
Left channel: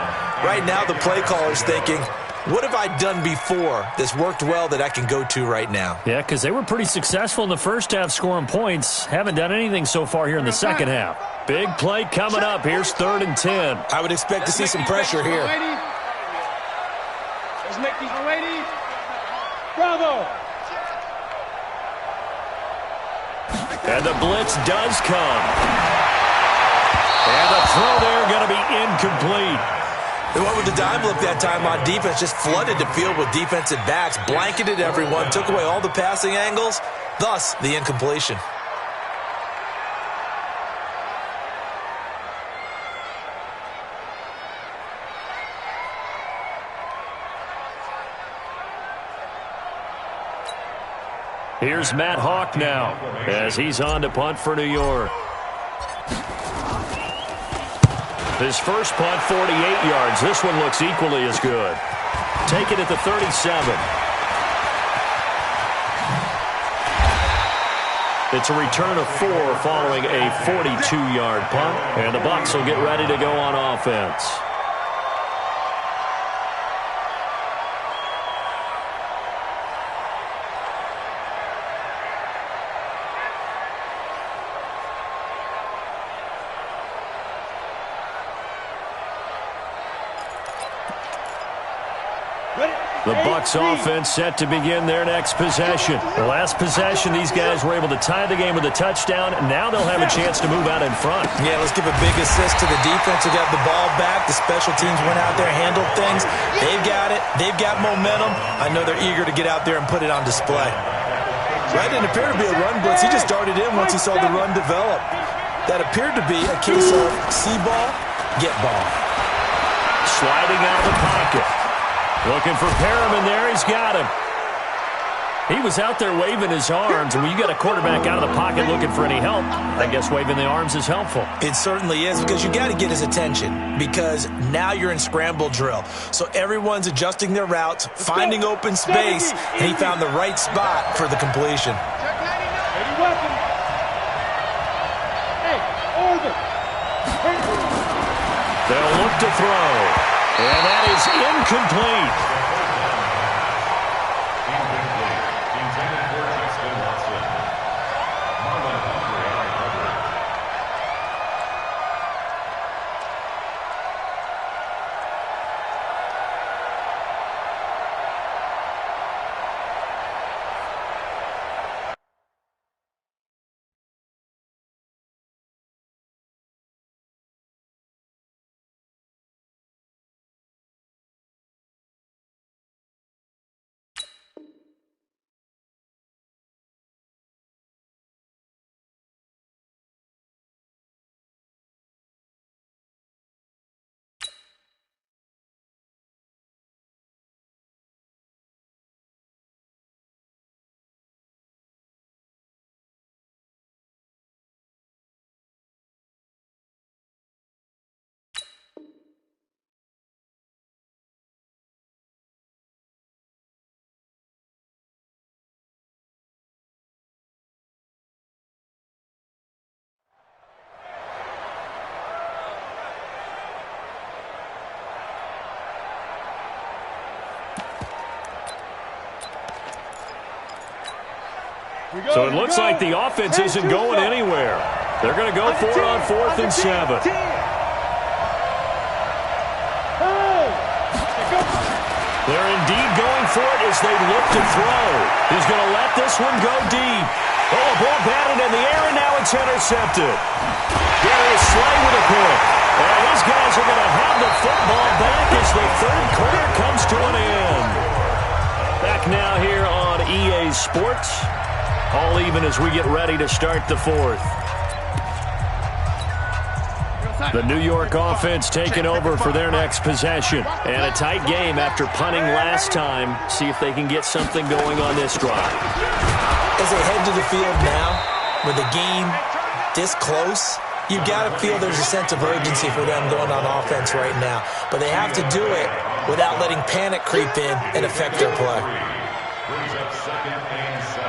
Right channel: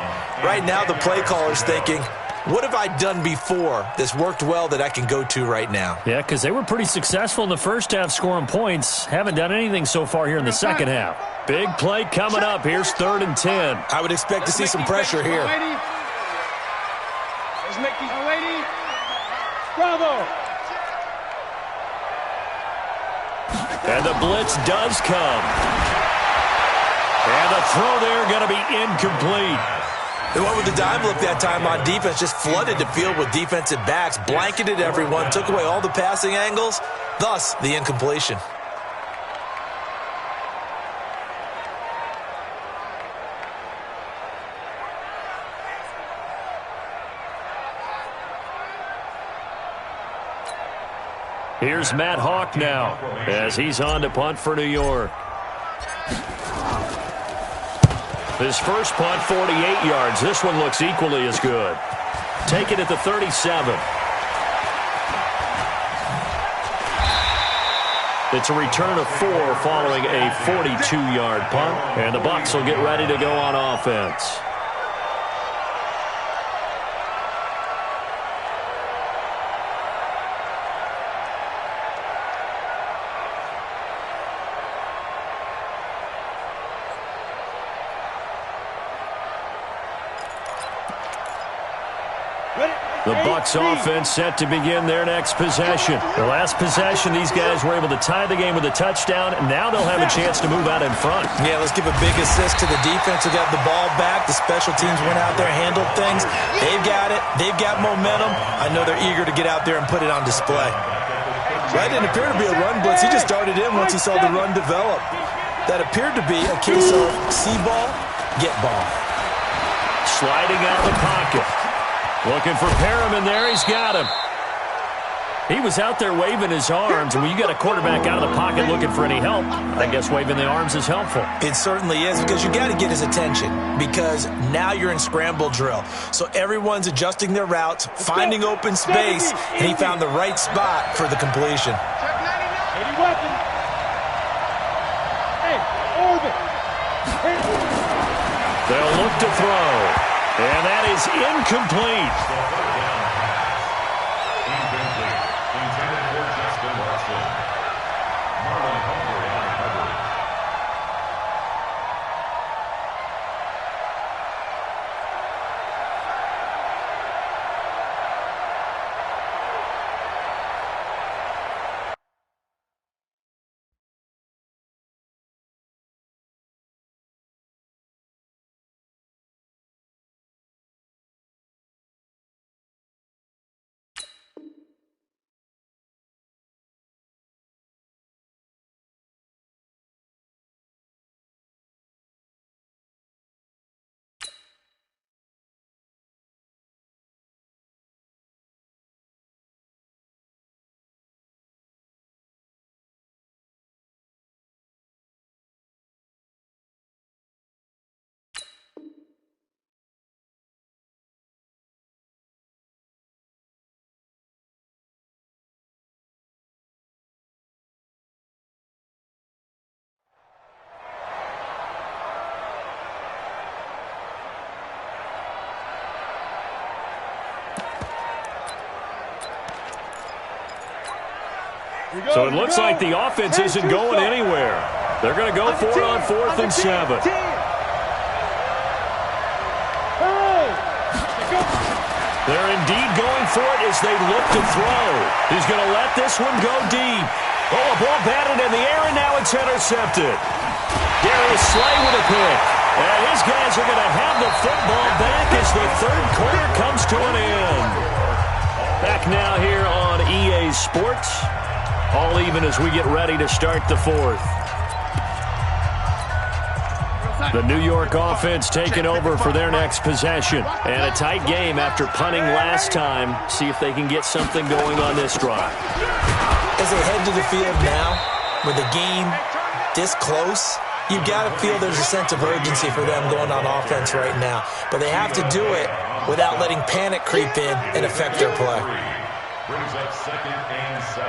Right now the play caller's thinking, what have I done before that's worked well that I can go to right now? Yeah, because they were pretty successful in the first half scoring points. Haven't done anything so far here in the second half. Big play coming up. Here's 3rd and 10. I would expect to see some pressure here. Let's make these lady. Bravo. And the blitz does come. And the throw there going to be incomplete. They went with the dime look that time on defense, just flooded the field with defensive backs, blanketed everyone, took away all the passing angles, thus the incompletion. Here's Matt Hawk now as he's on to punt for New York. His first punt, 48 yards. This one looks equally as good. Take it at the 37. It's a return of 4 following a 42-yard punt, and the Bucs will get ready to go on offense. The Bucs offense set to begin their next possession. The last possession, these guys were able to tie the game with a touchdown, and now they'll have a chance to move out in front. Yeah, let's give a big assist to the defense who got the ball back. The special teams went out there, handled things. They've got it. They've got momentum. I know they're eager to get out there and put it on display. That didn't appear to be a run blitz. He just darted in once he saw the run develop. That appeared to be a case of see ball, get ball. Sliding out of the pocket. Looking for Perriman there. He's got him. He was out there waving his arms, and when you got a quarterback out of the pocket looking for any help, I guess waving the arms is helpful. It certainly is, because you got to get his attention, because now you're in scramble drill. So everyone's adjusting their routes, finding open space, and he found the right spot for the completion. Check 99. 80 weapon. Hey, orbit. They'll look to throw. And that is incomplete. Incomplete. Intended for Justin Watson. Marlon Humphrey on recovery. So it looks like the offense isn't going anywhere. They're going to go for it on 4th and 7. They're indeed going for it as they look to throw. He's going to let this one go deep. Oh, a ball batted in the air, and now it's intercepted. Darius Slay with a pick. And his guys are going to have the football back as the third quarter comes to an end. Back now here on EA Sports. All even as we get ready to start the fourth. The New York offense taking over for their next possession. And a tight game after punting last time. See if they can get something going on this drive. As they head to the field now, with the game this close, you got to feel there's a sense of urgency for them going on offense right now. But they have to do it without letting panic creep in and affect their play. Brings up 2nd and 7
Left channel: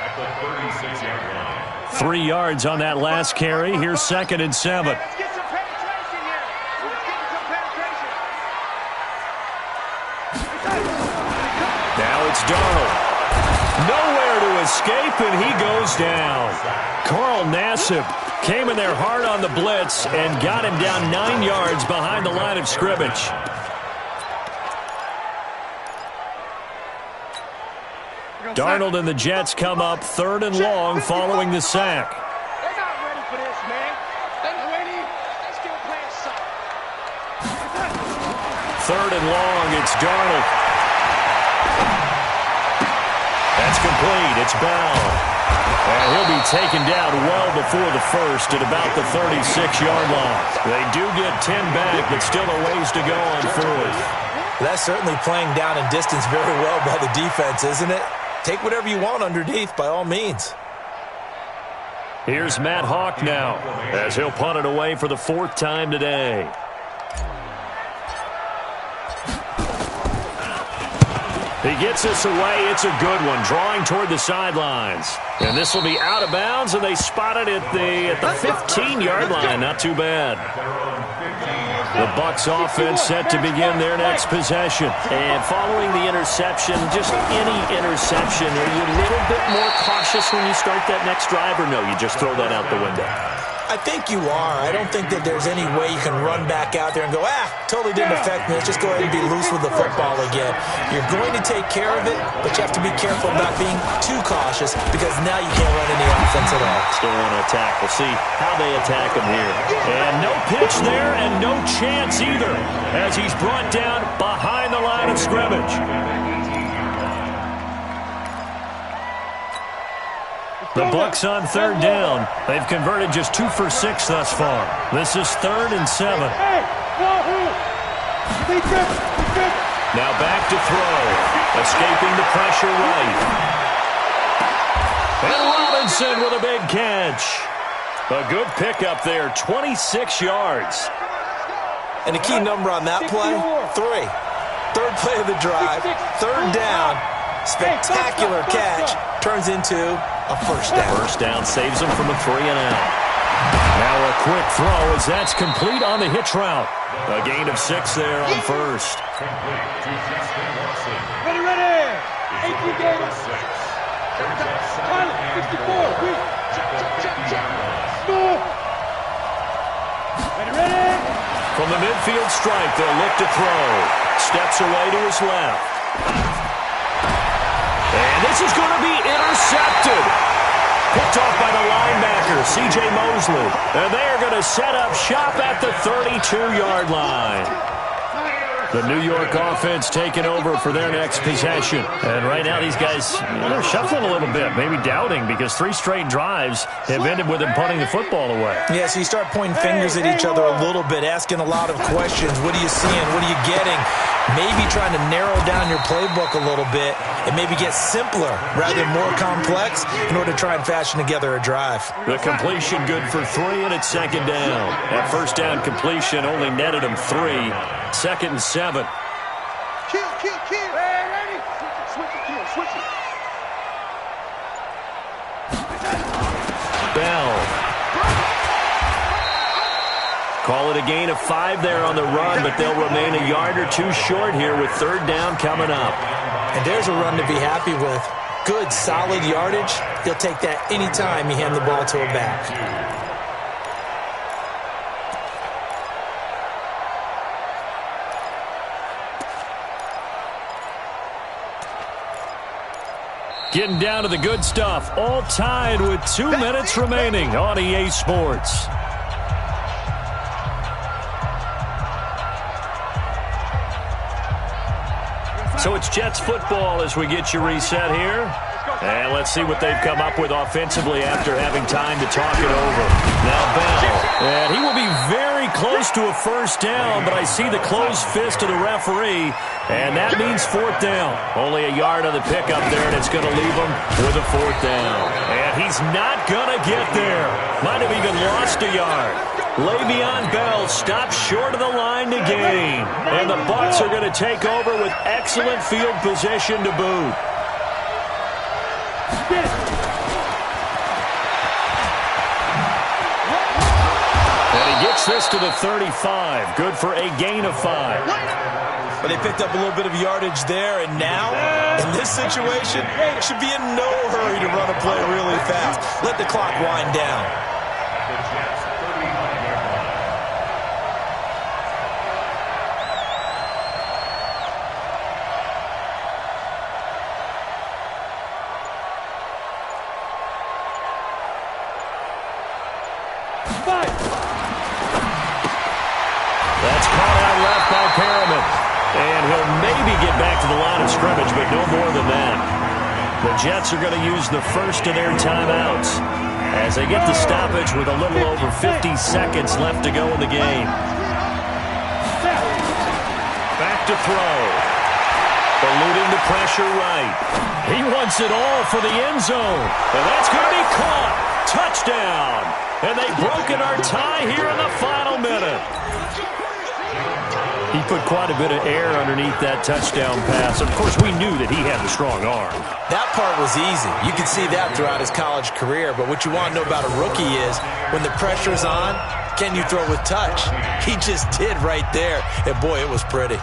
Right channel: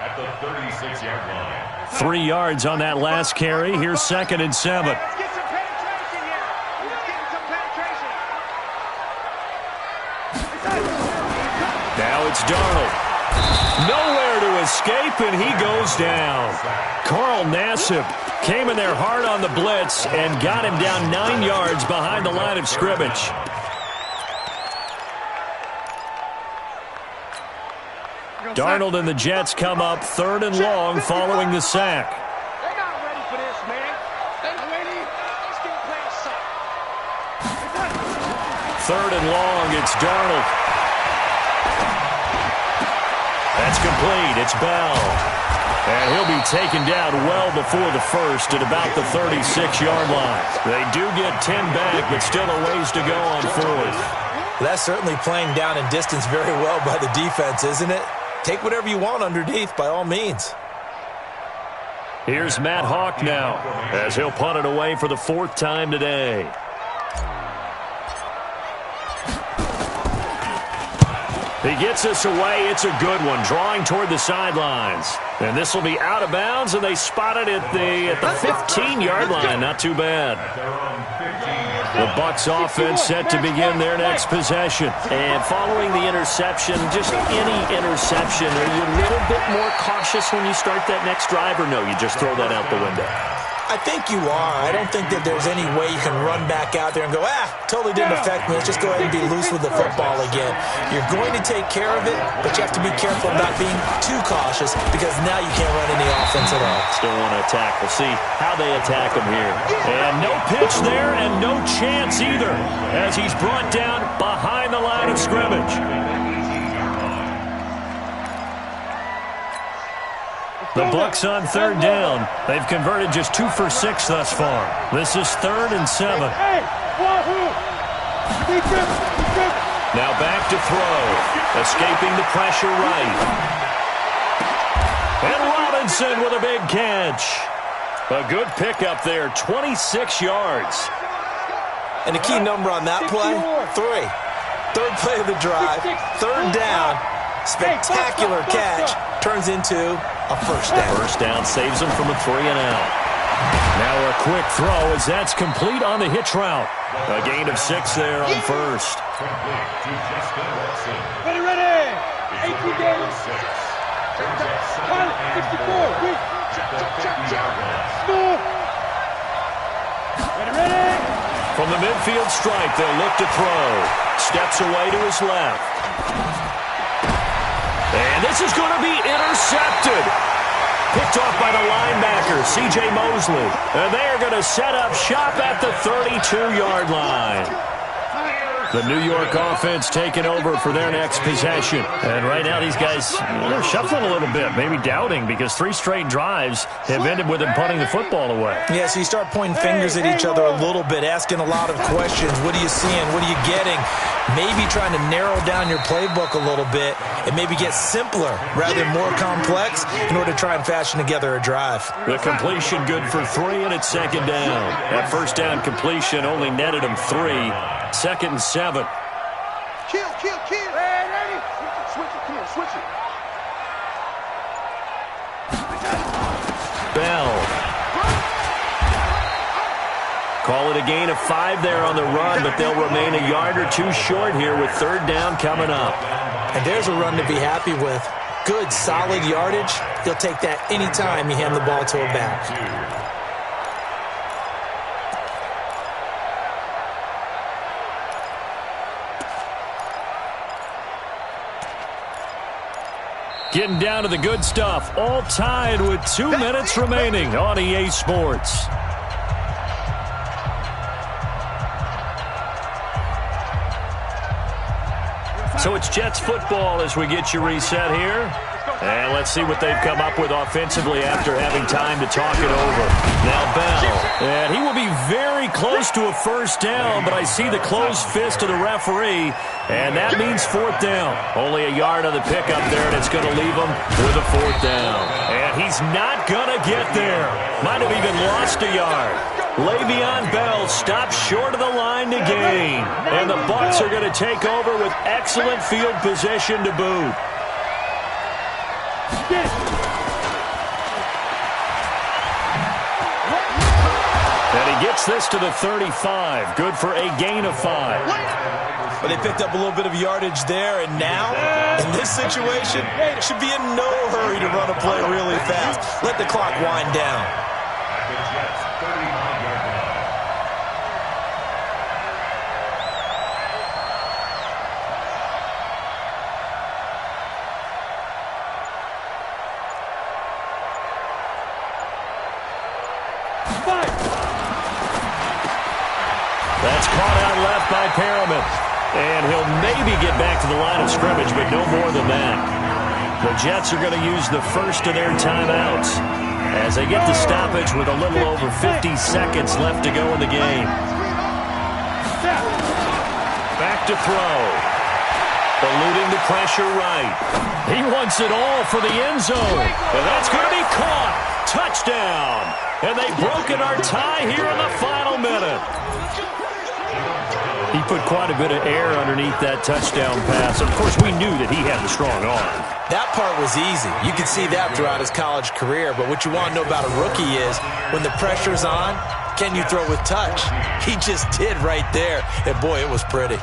at the 36-yard line. 3 yards on that last carry. Here's 2nd and 7. Let's get some penetration here. Let's get some penetration. Now it's Darnold. Nowhere to escape, and he goes down. Carl Nassib came in there hard on the blitz and got him down 9 yards behind the line of scrimmage. Darnold and the Jets come up 3rd and long following the sack. They're not ready for this, man. They're not ready. They still playing suck. 3rd and long, it's Darnold. That's complete. It's Bell. And he'll be taken down well before the first at about the 36-yard line. They do get 10 back, but still a ways to go on 4th. That's certainly playing down in distance very well by the defense, isn't it? Take whatever you want underneath, by all means. Here's Matt Hawk now, as he'll punt it away for the 4th time today. He gets this away. It's a good one, drawing toward the sidelines. And this will be out of bounds, and they spot it at the 15-yard line. Not too bad. The Bucs offense set to begin their next possession. And following the interception, just any interception, are you a little bit more cautious when you start that next drive, or no, you just throw that out the window? I think you are. I don't think that there's any way you can run back out there and go, totally didn't affect me. Let's just go ahead and be loose with the football again. You're going to take care of it, but you have to be careful about being too cautious because now you can't run any offense at all. Still want to attack. We'll see how they attack him here. And no pitch there and no chance either as he's brought down behind the line of scrimmage. The Bucs on third down. They've converted just 2 for 6 thus far. This is 3rd and 7. Now back to throw. Escaping the pressure right. And Robinson with a big catch. A good pickup there, 26 yards. And the key number on that play, 3. Third play of the drive, 3rd down. Spectacular catch turns into a first down. First down saves them from a 3-and-out. Now a quick throw as that's complete on the hitch route. A gain of 6 there on first. Complete to Justin Watson. Ready. 18 games. 64. Weak. Move. Ready. From the midfield stripe, they'll look to throw. Steps away to his left. And this is going to be intercepted. Picked off by the linebacker, C.J. Mosley. And they are going to set up shop at the 32-yard line. The New York offense taking over for their next possession. And right now these guys, they're shuffling a little bit, maybe doubting because 3 straight drives have ended with them punting the football away. Yeah, so you start pointing fingers at each other a little bit, asking a lot of questions. What are you seeing? What are you getting? Maybe trying to narrow down your playbook a little bit and maybe get simpler rather than more complex in order to try and fashion together a drive. The completion good for 3, and it's 2nd down. That first down completion only netted them 3. 2nd and 7. Kill. Ready. Switch it. Come on, switch it. Bell. Call it a gain of 5 there on the run, but they'll remain a yard or 2 short here with 3rd down coming up. And there's a run to be happy with. Good, solid yardage. He'll take that anytime you hand the ball to a back. Getting down to the good stuff, all tied with 2 minutes remaining on EA Sports. So it's Jets football as we get you reset here. And let's see what they've come up with offensively after having time to talk it over. Now Bell, and he will be very close to a first down, but I see the closed fist of the referee, and that means 4th down. Only a yard on the pickup there, and it's going to leave him with a 4th down. And he's not going to get there. Might have even lost a yard. Le'Veon Bell stops short of the line to gain. And the Bucs are going to take over with excellent field position to boot. And he gets this to the 35. Good for a gain of 5. But they picked up a little bit of yardage there, and now, in this situation, should be in no hurry to run a play really fast. Let the clock wind down. At the Jets' 39-yard line. That's caught out left by Perriman. And he'll maybe get back to the line of scrimmage, but no more than that. The Jets are going to use the first of their timeouts as they get the stoppage with a little over 50 seconds left to go in the game. Back to throw. Eluding the pressure right. He wants it all for the end zone. And that's going to be caught. Touchdown. And they've broken our tie here in the final minute. He put quite a bit of air underneath that touchdown pass. Of course, we knew that he had the strong arm. That part was easy. You could see that throughout his college career. But what you want to know about a rookie is when the pressure's on, can you throw with touch? He just did right there. And, boy, it was pretty.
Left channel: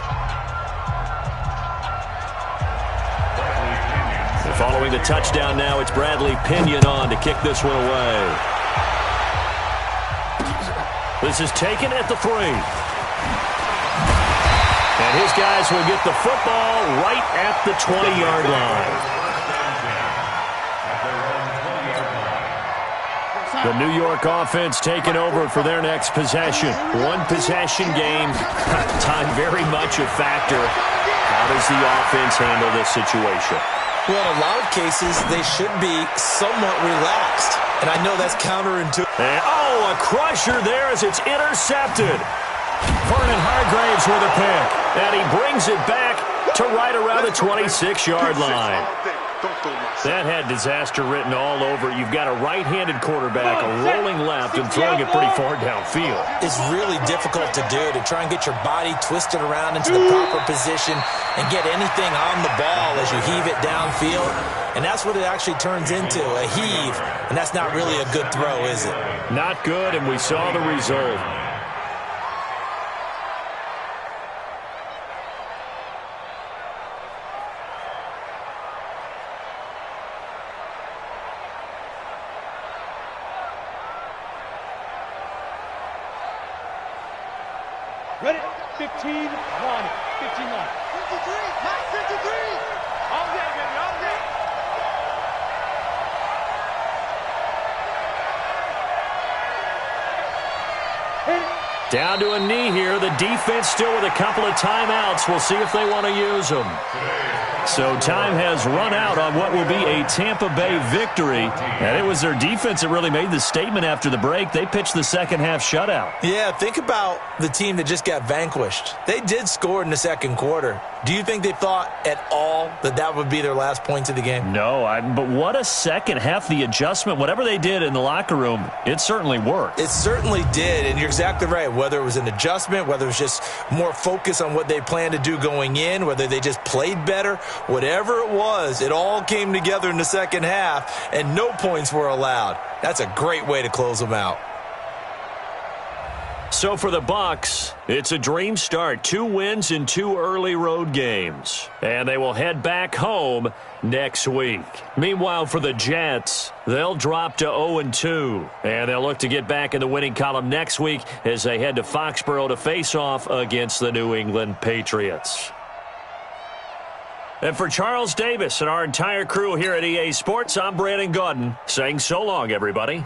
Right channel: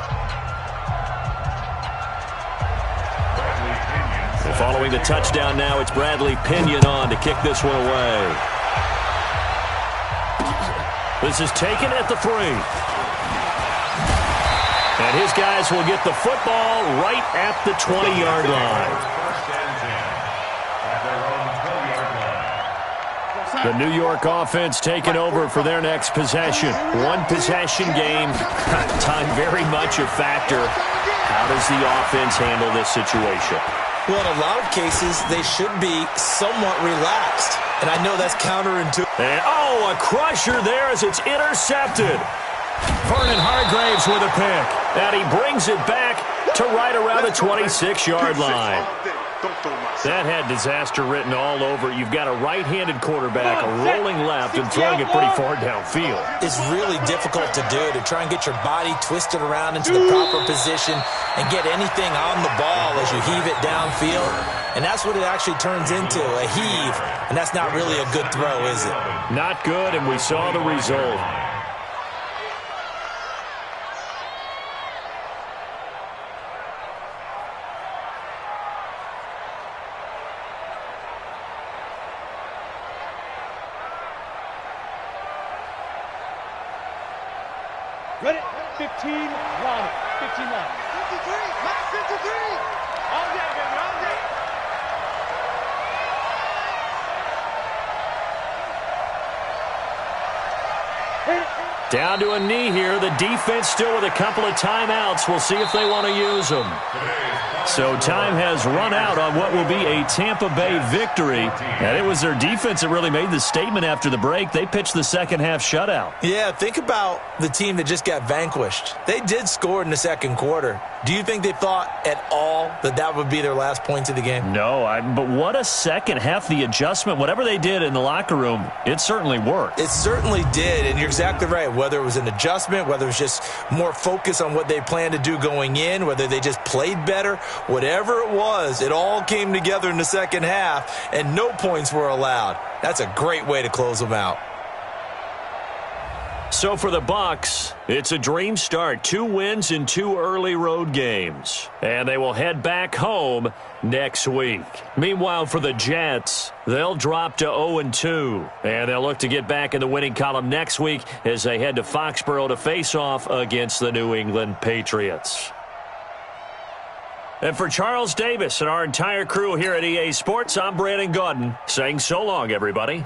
And following the touchdown now, it's Bradley Pinion on to kick this one away. This is taken at the 3. And his guys will get the football right at the 20-yard line. The New York offense taking over for their next possession. One-possession game. Time very much a factor. How does the offense handle this situation? Well, in a lot of cases, they should be somewhat relaxed. And I know that's counterintuitive. And, a crusher there as it's intercepted. Vernon Hargraves with a pick. And he brings it back to right around the 26-yard line. That had disaster written all over it. You've got a right-handed quarterback, a rolling left, and throwing it pretty far downfield. It's really difficult to do, to try and get your body twisted around into the proper position and get anything on the ball as you heave it downfield. And that's what it actually turns into, a heave. And that's not really a good throw, is it? Not good, and we saw the result. Ready? 15 line. 15 line. 53. Mark 53. All day, baby. All day. Hit it. Down to a knee here. The defense still with a couple of timeouts. We'll see if they want to use them. So time has run out on what will be a Tampa Bay victory. And it was their defense that really made the statement after the break. They pitched the second half shutout. Yeah, think about the team that just got vanquished. They did score in the second quarter. Do you think they thought at all that that would be their last points of the game? No, but what a second half. The adjustment, whatever they did in the locker room, it certainly worked. It certainly did, and you're exactly right. Whether it was an adjustment, whether it was just more focus on what they planned to do going in, whether they just played better, whatever it was, it all came together in the second half, and no points were allowed. That's a great way to close them out. So for the Bucs, it's a dream start. 2 wins in 2 early road games. And they will head back home next week. Meanwhile, for the Jets, they'll drop to 0-2. And they'll look to get back in the winning column next week as they head to Foxborough to face off against the New England Patriots. And for Charles Davis and our entire crew here at EA Sports, I'm Brandon Gaudin saying so long, everybody.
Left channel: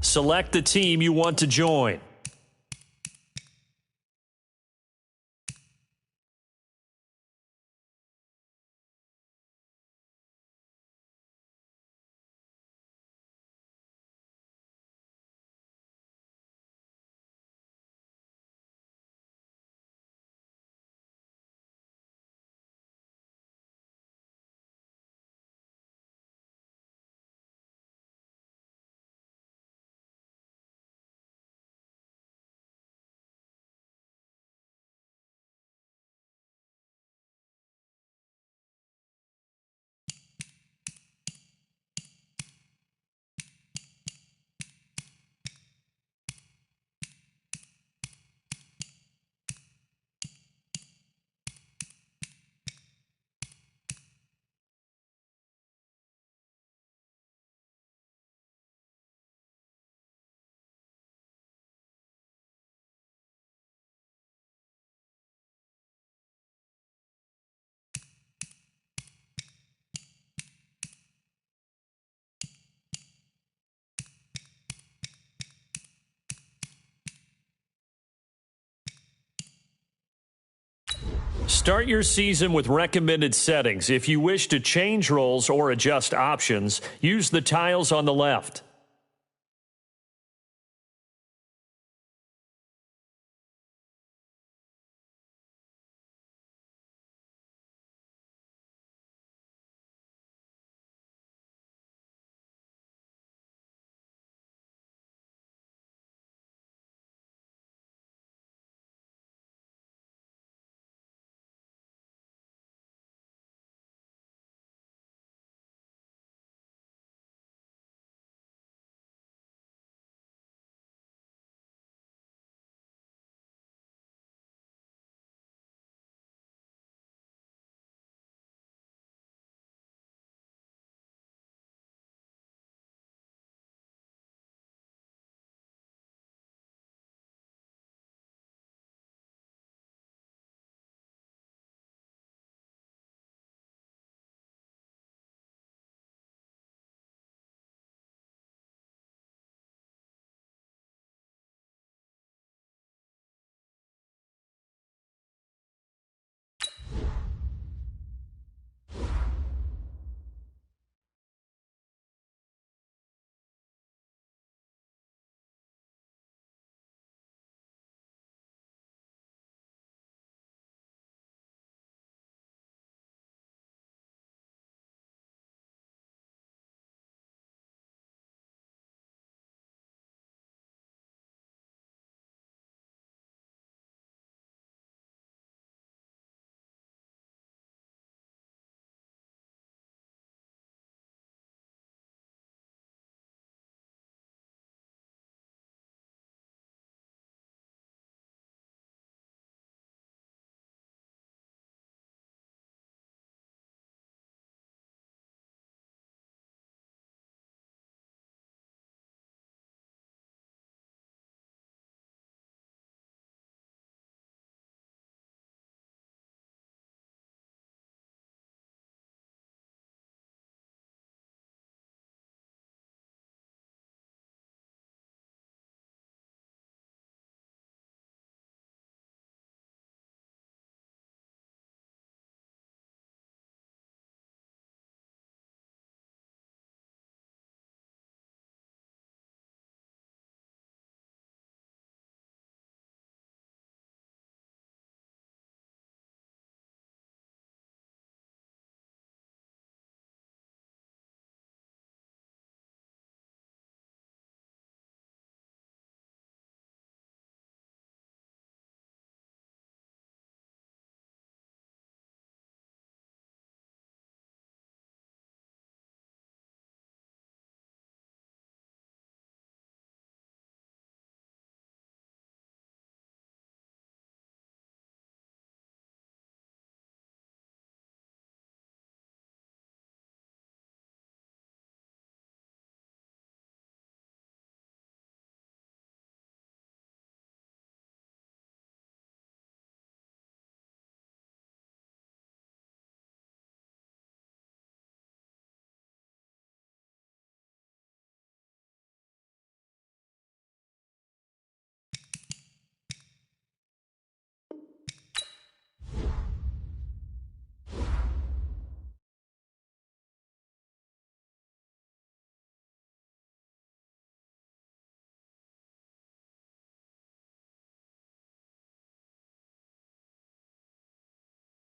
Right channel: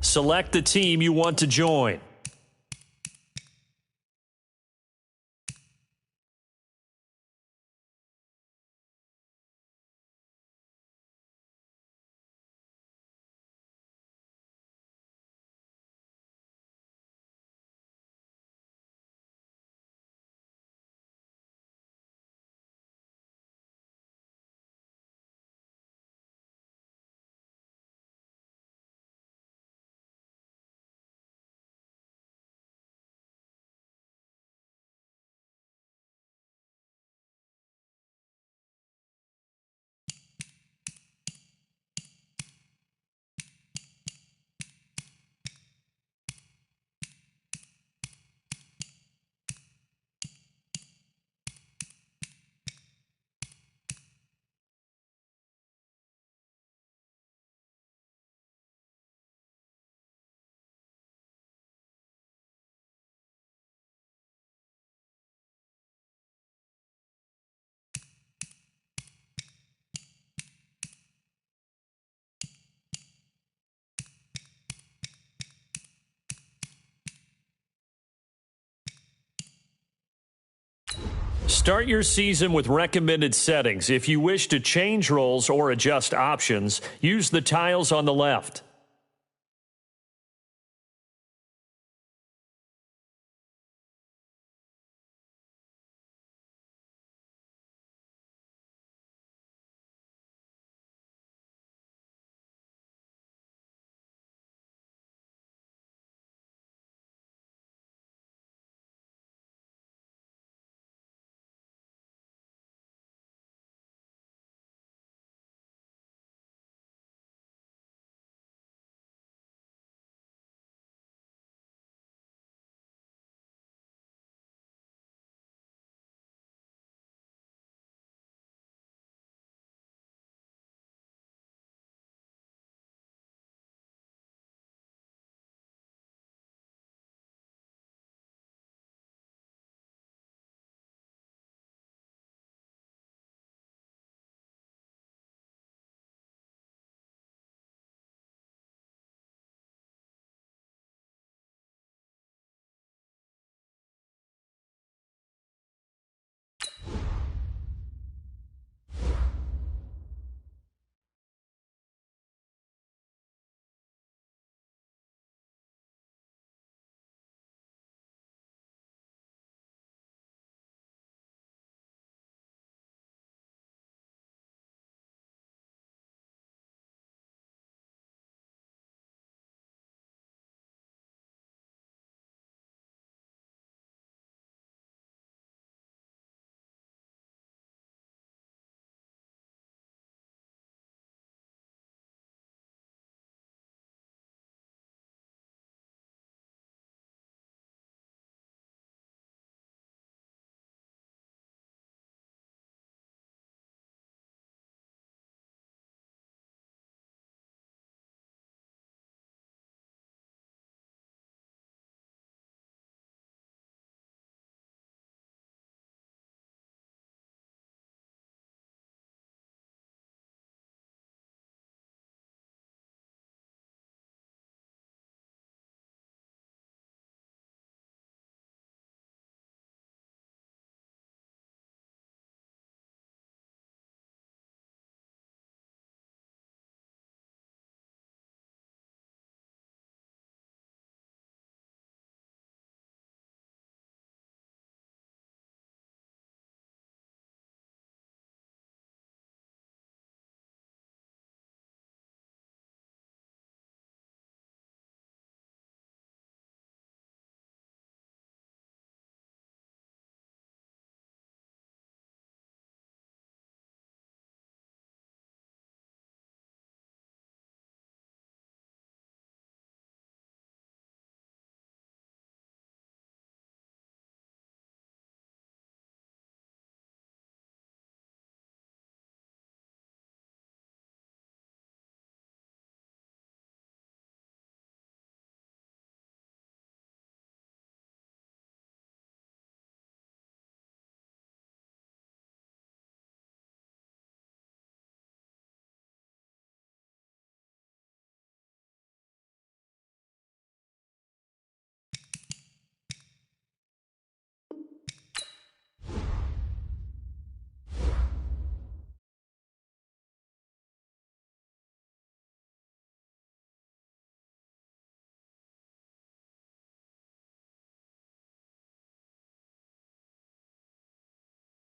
Select the team you want to join. Start your season with recommended settings. If you wish to change roles or adjust options, use the tiles on the left.